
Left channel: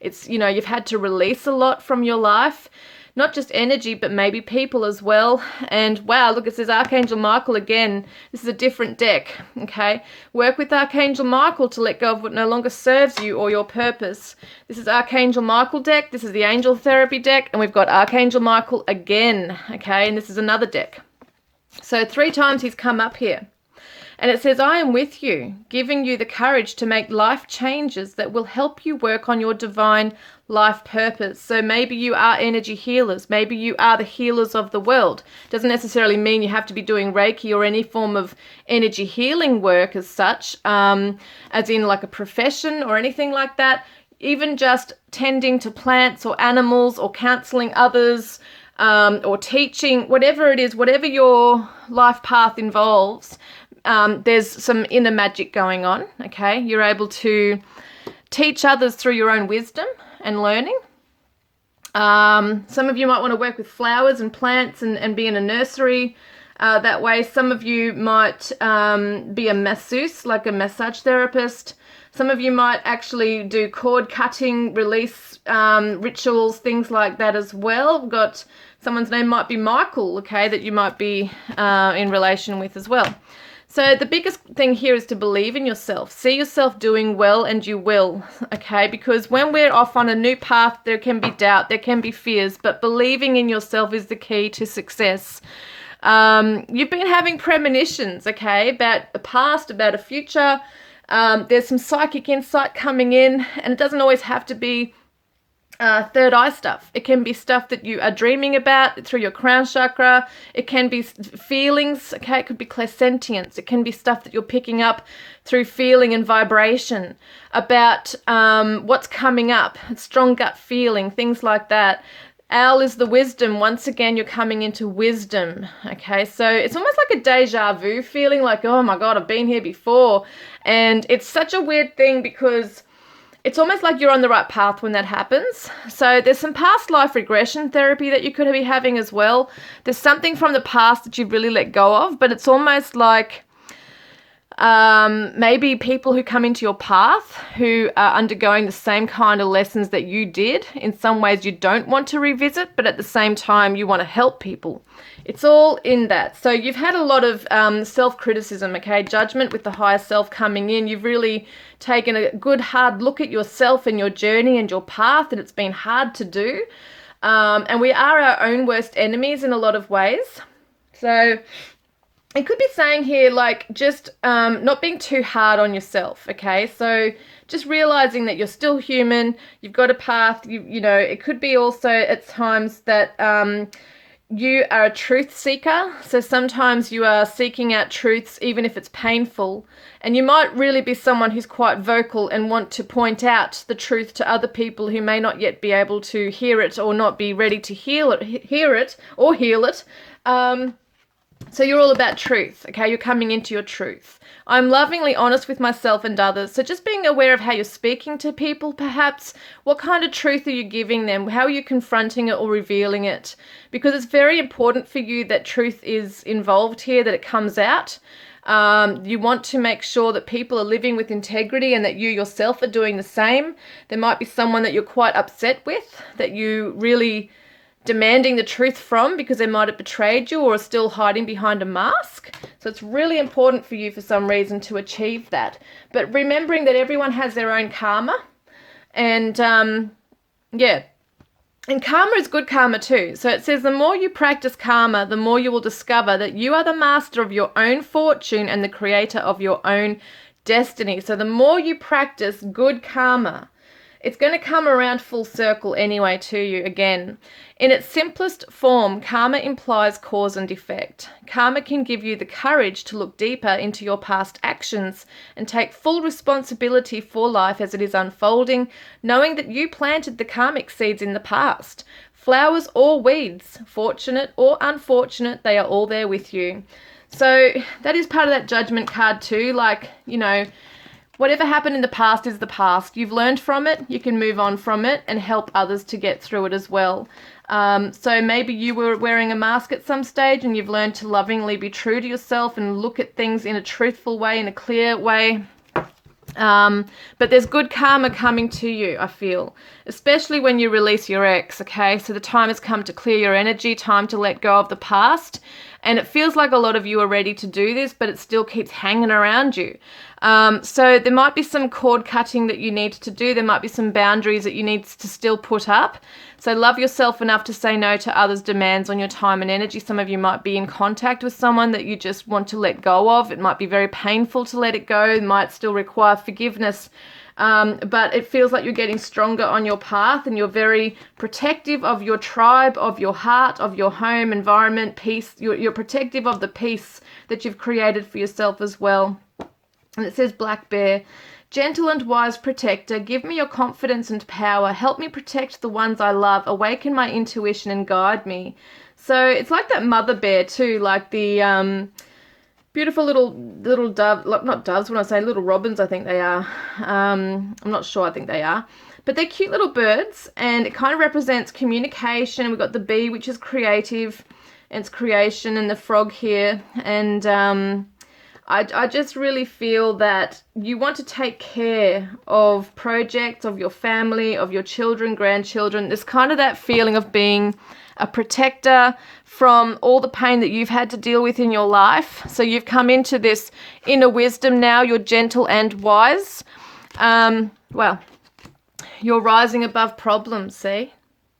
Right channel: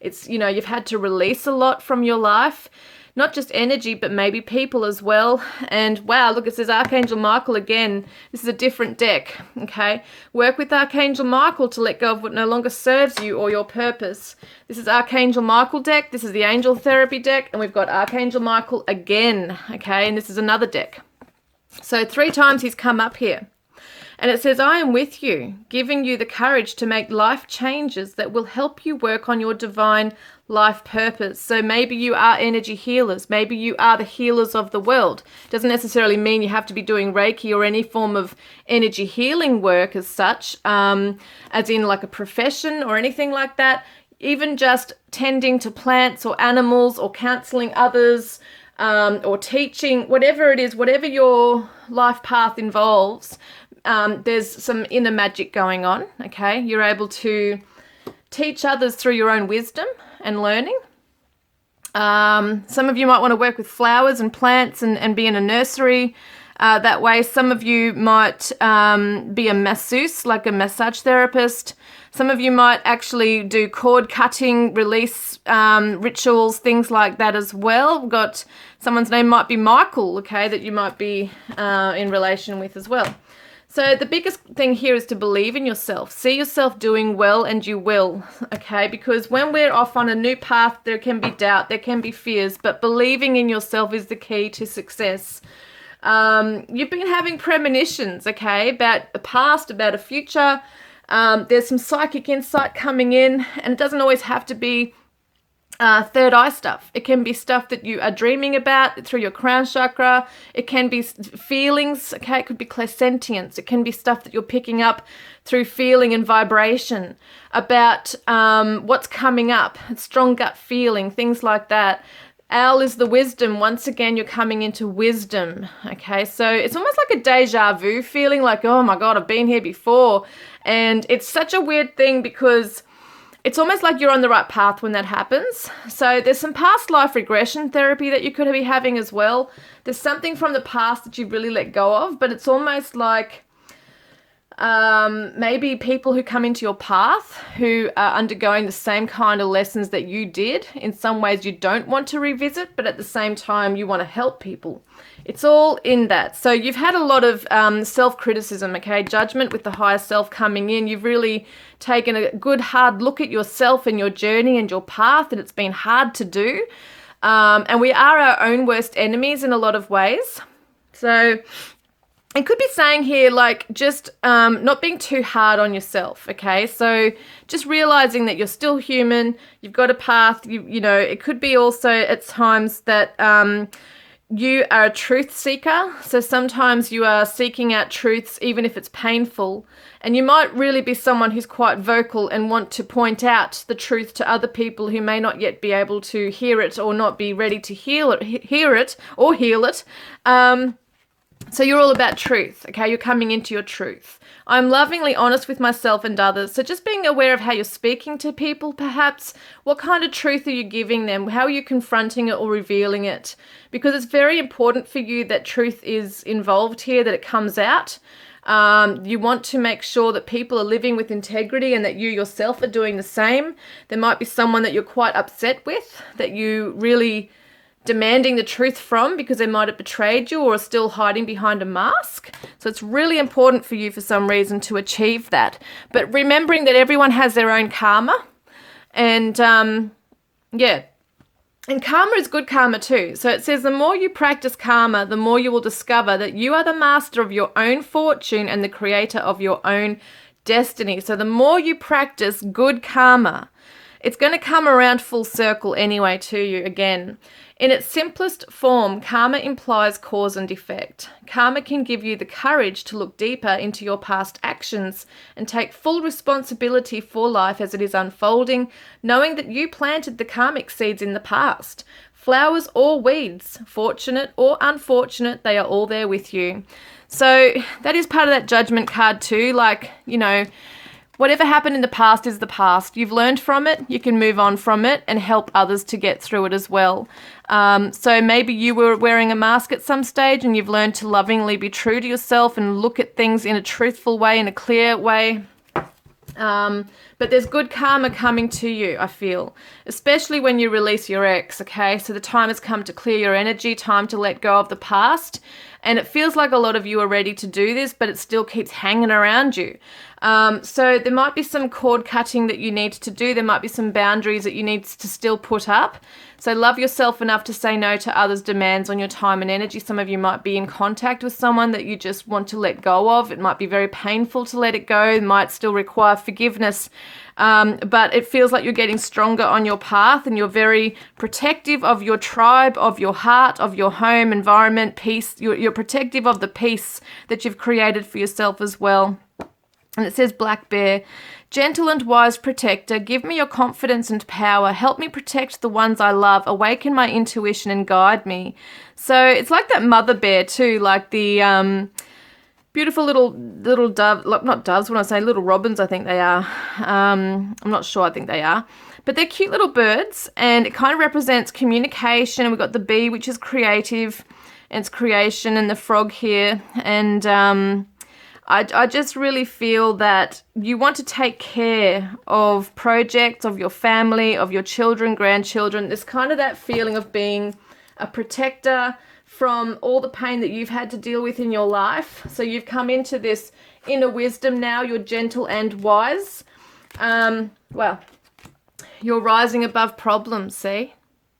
It's, you've had to release a lot from your life, not just energy, but maybe people as well. And wow, look, it says Archangel Michael again. This is a different deck, okay? Work with Archangel Michael to let go of what no longer serves you or your purpose. This is Archangel Michael deck. This is the Angel Therapy deck. And we've got Archangel Michael again, okay? And this is another deck. So 3 times he's come up here. And it says, I am with you, giving you the courage to make life changes that will help you work on your divine life purpose. So maybe you are energy healers. Maybe you are the healers of the world. Doesn't necessarily mean you have to be doing Reiki or any form of energy healing work as such, as in like a profession or anything like that. Even just tending to plants or animals or counseling others, or teaching, whatever it is, whatever your life path involves, there's some inner magic going on, okay? You're able to teach others through your own wisdom and learning. Some of you might want to work with flowers and plants and be in a nursery that way. Some of you might be a masseuse, like a massage therapist. Some of you might actually do cord cutting, release rituals, things like that as well. We've got someone's name might be Michael, okay, that you might be in relation with as well. So the biggest thing here is to believe in yourself. See yourself doing well, and you will, okay? Because when we're off on a new path, there can be doubt, there can be fears, but believing in yourself is the key to success. You've been having premonitions, okay, about a past, about a future. There's some psychic insight coming in, and it doesn't always have to be third eye stuff. It can be stuff that you are dreaming about through your crown chakra. It can be feelings, okay? It could be clairsentience. It can be stuff that you're picking up through feeling and vibration about what's coming up, strong gut feeling, things like that. Owl is the wisdom. Once again, you're coming into wisdom, okay? So it's almost like a deja vu feeling, like, oh my God, I've been here before. And it's such a weird thing because it's almost like you're on the right path when that happens. So there's some past life regression therapy that you could be having as well. There's something from the past that you've really let go of, but it's almost like maybe people who come into your path who are undergoing the same kind of lessons that you did. In some ways you don't want to revisit, but at the same time you want to help people. It's all in that. So you've had a lot of self-criticism, okay? Judgment with the higher self coming in. You've really taken a good hard look at yourself and your journey and your path, and it's been hard to do. And we are our own worst enemies in a lot of ways. So it could be saying here, like, just not being too hard on yourself, okay? So just realizing that you're still human, you've got a path, you know, it could be also at times that you are a truth seeker. So sometimes you are seeking out truths, even if it's painful. And you might really be someone who's quite vocal and want to point out the truth to other people who may not yet be able to hear it or not be ready to hear it. So you're all about truth, okay? You're coming into your truth. I'm lovingly honest with myself and others. So just being aware of how you're speaking to people, perhaps. What kind of truth are you giving them? How are you confronting it or revealing it? Because it's very important for you that truth is involved here, that it comes out. You want to make sure that people are living with integrity and that you yourself are doing the same. There might be someone that you're quite upset with, that you really demanding the truth from because they might have betrayed you or are still hiding behind a mask. So it's really important for you for some reason to achieve that. But remembering that everyone has their own karma, and yeah. And karma is good karma too. So it says the more you practice karma, the more you will discover that you are the master of your own fortune and the creator of your own destiny. So the more you practice good karma, it's going to come around full circle anyway to you again. In its simplest form, karma implies cause and effect. Karma can give you the courage to look deeper into your past actions and take full responsibility for life as it is unfolding, knowing that you planted the karmic seeds in the past. Flowers or weeds, fortunate or unfortunate, they are all there with you. So that is part of that judgment card too. Like, you know, whatever happened in the past is the past. You've learned from it. You can move on from it and help others to get through it as well. So maybe you were wearing a mask at some stage and you've learned to lovingly be true to yourself and look at things in a truthful way, in a clear way. But there's good karma coming to you, I feel, especially when you release your ex, okay? So the time has come to clear your energy, time to let go of the past. And it feels like a lot of you are ready to do this, but it still keeps hanging around you. So there might be some cord cutting that you need to do. There might be some boundaries that you need to still put up. So love yourself enough to say no to others' demands on your time and energy. Some of you might be in contact with someone that you just want to let go of. It might be very painful to let it go. It might still require forgiveness. But it feels like you're getting stronger on your path and you're very protective of your tribe, of your heart, of your home, environment, peace. You're protective of the peace that you've created for yourself as well. And it says Black Bear, gentle and wise protector, give me your confidence and power. Help me protect the ones I love. Awaken my intuition and guide me. So it's like that mother bear too, like the beautiful little dove, not doves when I say little robins, I think they are. I'm not sure, I think they are. But they're cute little birds and it kind of represents communication. We've got the bee, which is creative, and it's creation, and the frog here. And I just really feel that you want to take care of projects, of your family, of your children, grandchildren. It's kind of that feeling of being a protector from all the pain that you've had to deal with in your life. So you've come into this inner wisdom now. You're gentle and wise. Well, you're rising above problems, see?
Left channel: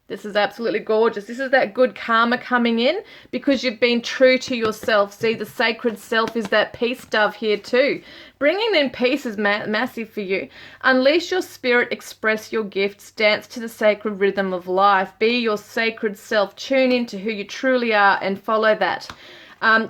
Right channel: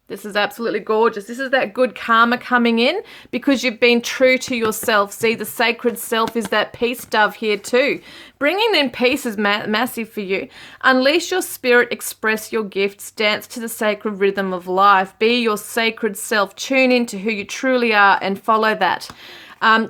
This is absolutely gorgeous. This is that good karma coming in because you've been true to yourself. See, the sacred self is that peace dove here too. Bringing in peace is massive for you. Unleash your spirit, express your gifts, dance to the sacred rhythm of life. Be your sacred self. Tune into who you truly are and follow that.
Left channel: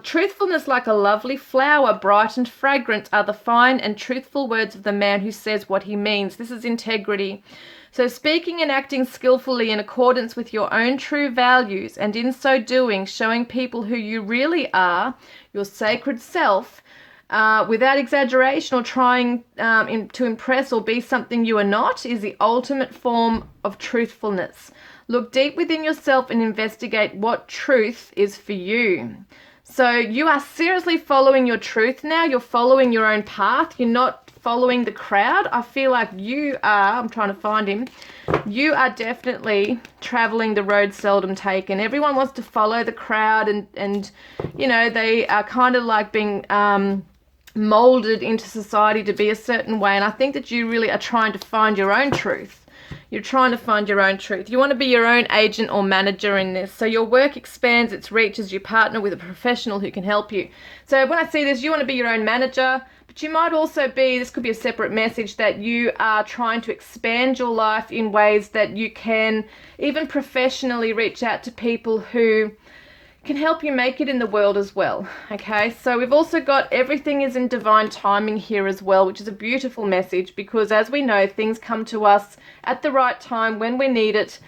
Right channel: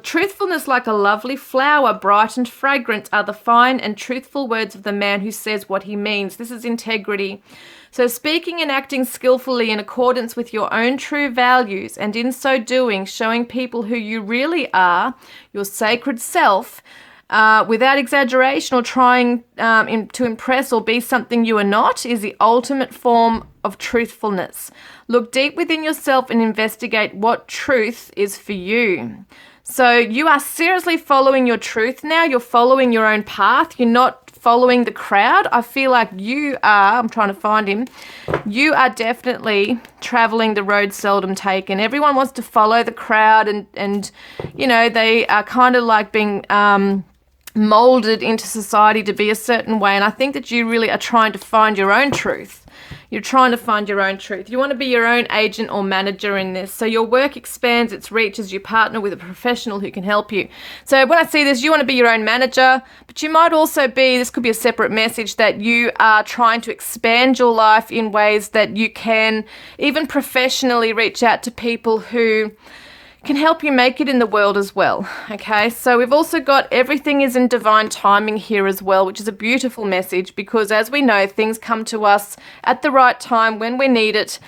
Truthfulness like a lovely flower, bright and fragrant, are the fine and truthful words of the man who says what he means. This is integrity. So speaking and acting skillfully in accordance with your own true values, and in so doing, showing people who you really are, your sacred self, without exaggeration or trying to impress or be something you are not, is the ultimate form of truthfulness. Look deep within yourself and investigate what truth is for you. So you are seriously following your truth now. You're following your own path. You're not following the crowd. I feel like you are, I'm trying to find him, you are definitely traveling the road seldom taken. Everyone wants to follow the crowd and you know, they are kind of like being molded into society to be a certain way. And I think that you really are trying to find your own truth. You're trying to find your own truth. You want to be your own agent or manager in this. So your work expands its reach as you partner with a professional who can help you. So when I see this, you want to be your own manager, but you might also be, this could be a separate message, that you are trying to expand your life in ways that you can even professionally reach out to people who can help you make it in the world as well. Okay, so we've also got everything is in divine timing here as well, which is a beautiful message because as we know, things come to us at the right time when we need it.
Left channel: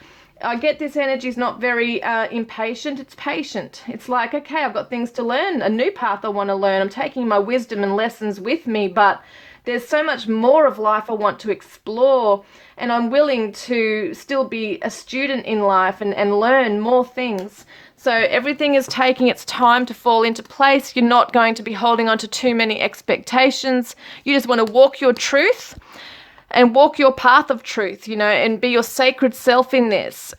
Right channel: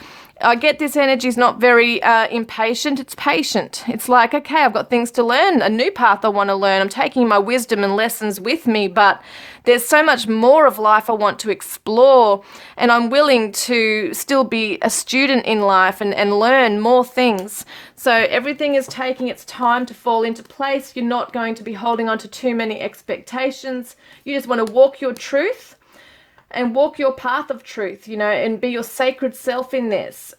I get this energy is not very impatient, it's patient. It's like, okay, I've got things to learn, a new path I want to learn. I'm taking my wisdom and lessons with me, but there's so much more of life I want to explore, and I'm willing to still be a student in life and learn more things. So everything is taking its time to fall into place. You're not going to be holding on to too many expectations. You just want to walk your truth and walk your path of truth, you know, and be your sacred self in this.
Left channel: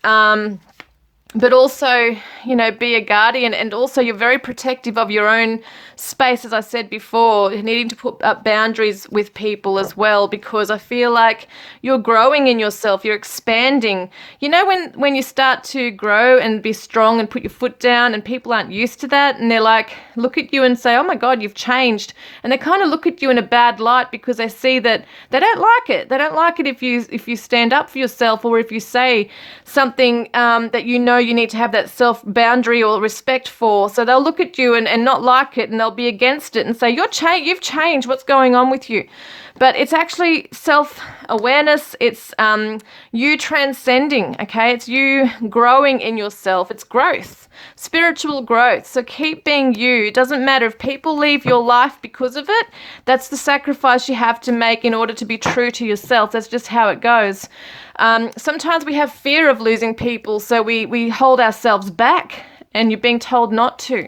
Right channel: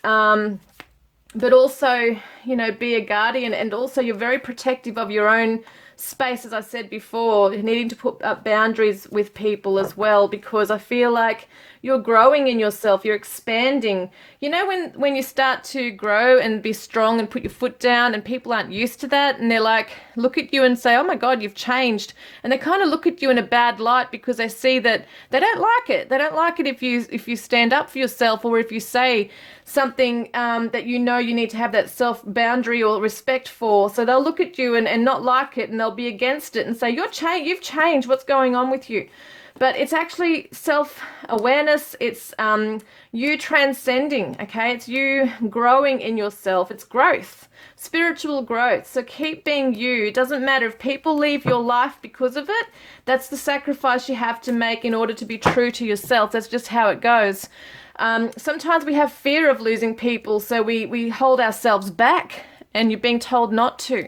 but also, you know, be a guardian, and also you're very protective of your own space, as I said before, needing to put up boundaries with people as well, because I feel like you're growing in yourself, you're expanding. You know, when you start to grow and be strong and put your foot down and people aren't used to that, and they're like, look at you and say, oh my God, you've changed. And they kind of look at you in a bad light because they see that they don't like it. They don't like it if you stand up for yourself, or if you say something that you know you need to have that self boundary or respect for. So they'll look at you and not like it, and they'll be against it and say, you've changed, what's going on with you? But it's actually self-awareness. It's you transcending, okay? It's you growing in yourself. It's growth, spiritual growth. So keep being you. It doesn't matter if people leave your life because of it. That's the sacrifice you have to make in order to be true to yourself. That's just how it goes. Sometimes we have fear of losing people, so we hold ourselves back, and you're being told not to.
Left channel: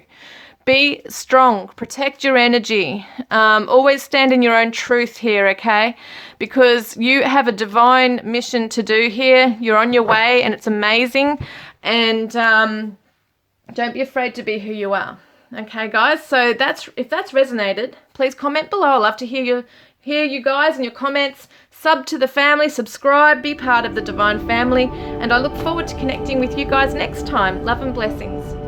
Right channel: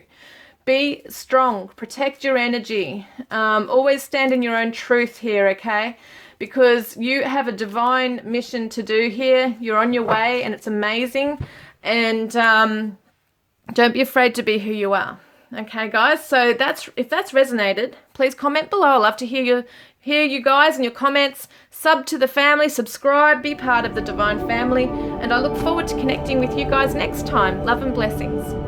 Be strong, protect your energy, always stand in your own truth here, okay? Because you have a divine mission to do here. You're on your way, and it's amazing. And don't be afraid to be who you are. Okay, guys? So if that's resonated, please comment below. I love to hear you guys and your comments. Sub to the family, subscribe, be part of the divine family, and I look forward to connecting with you guys next time. Love and blessings.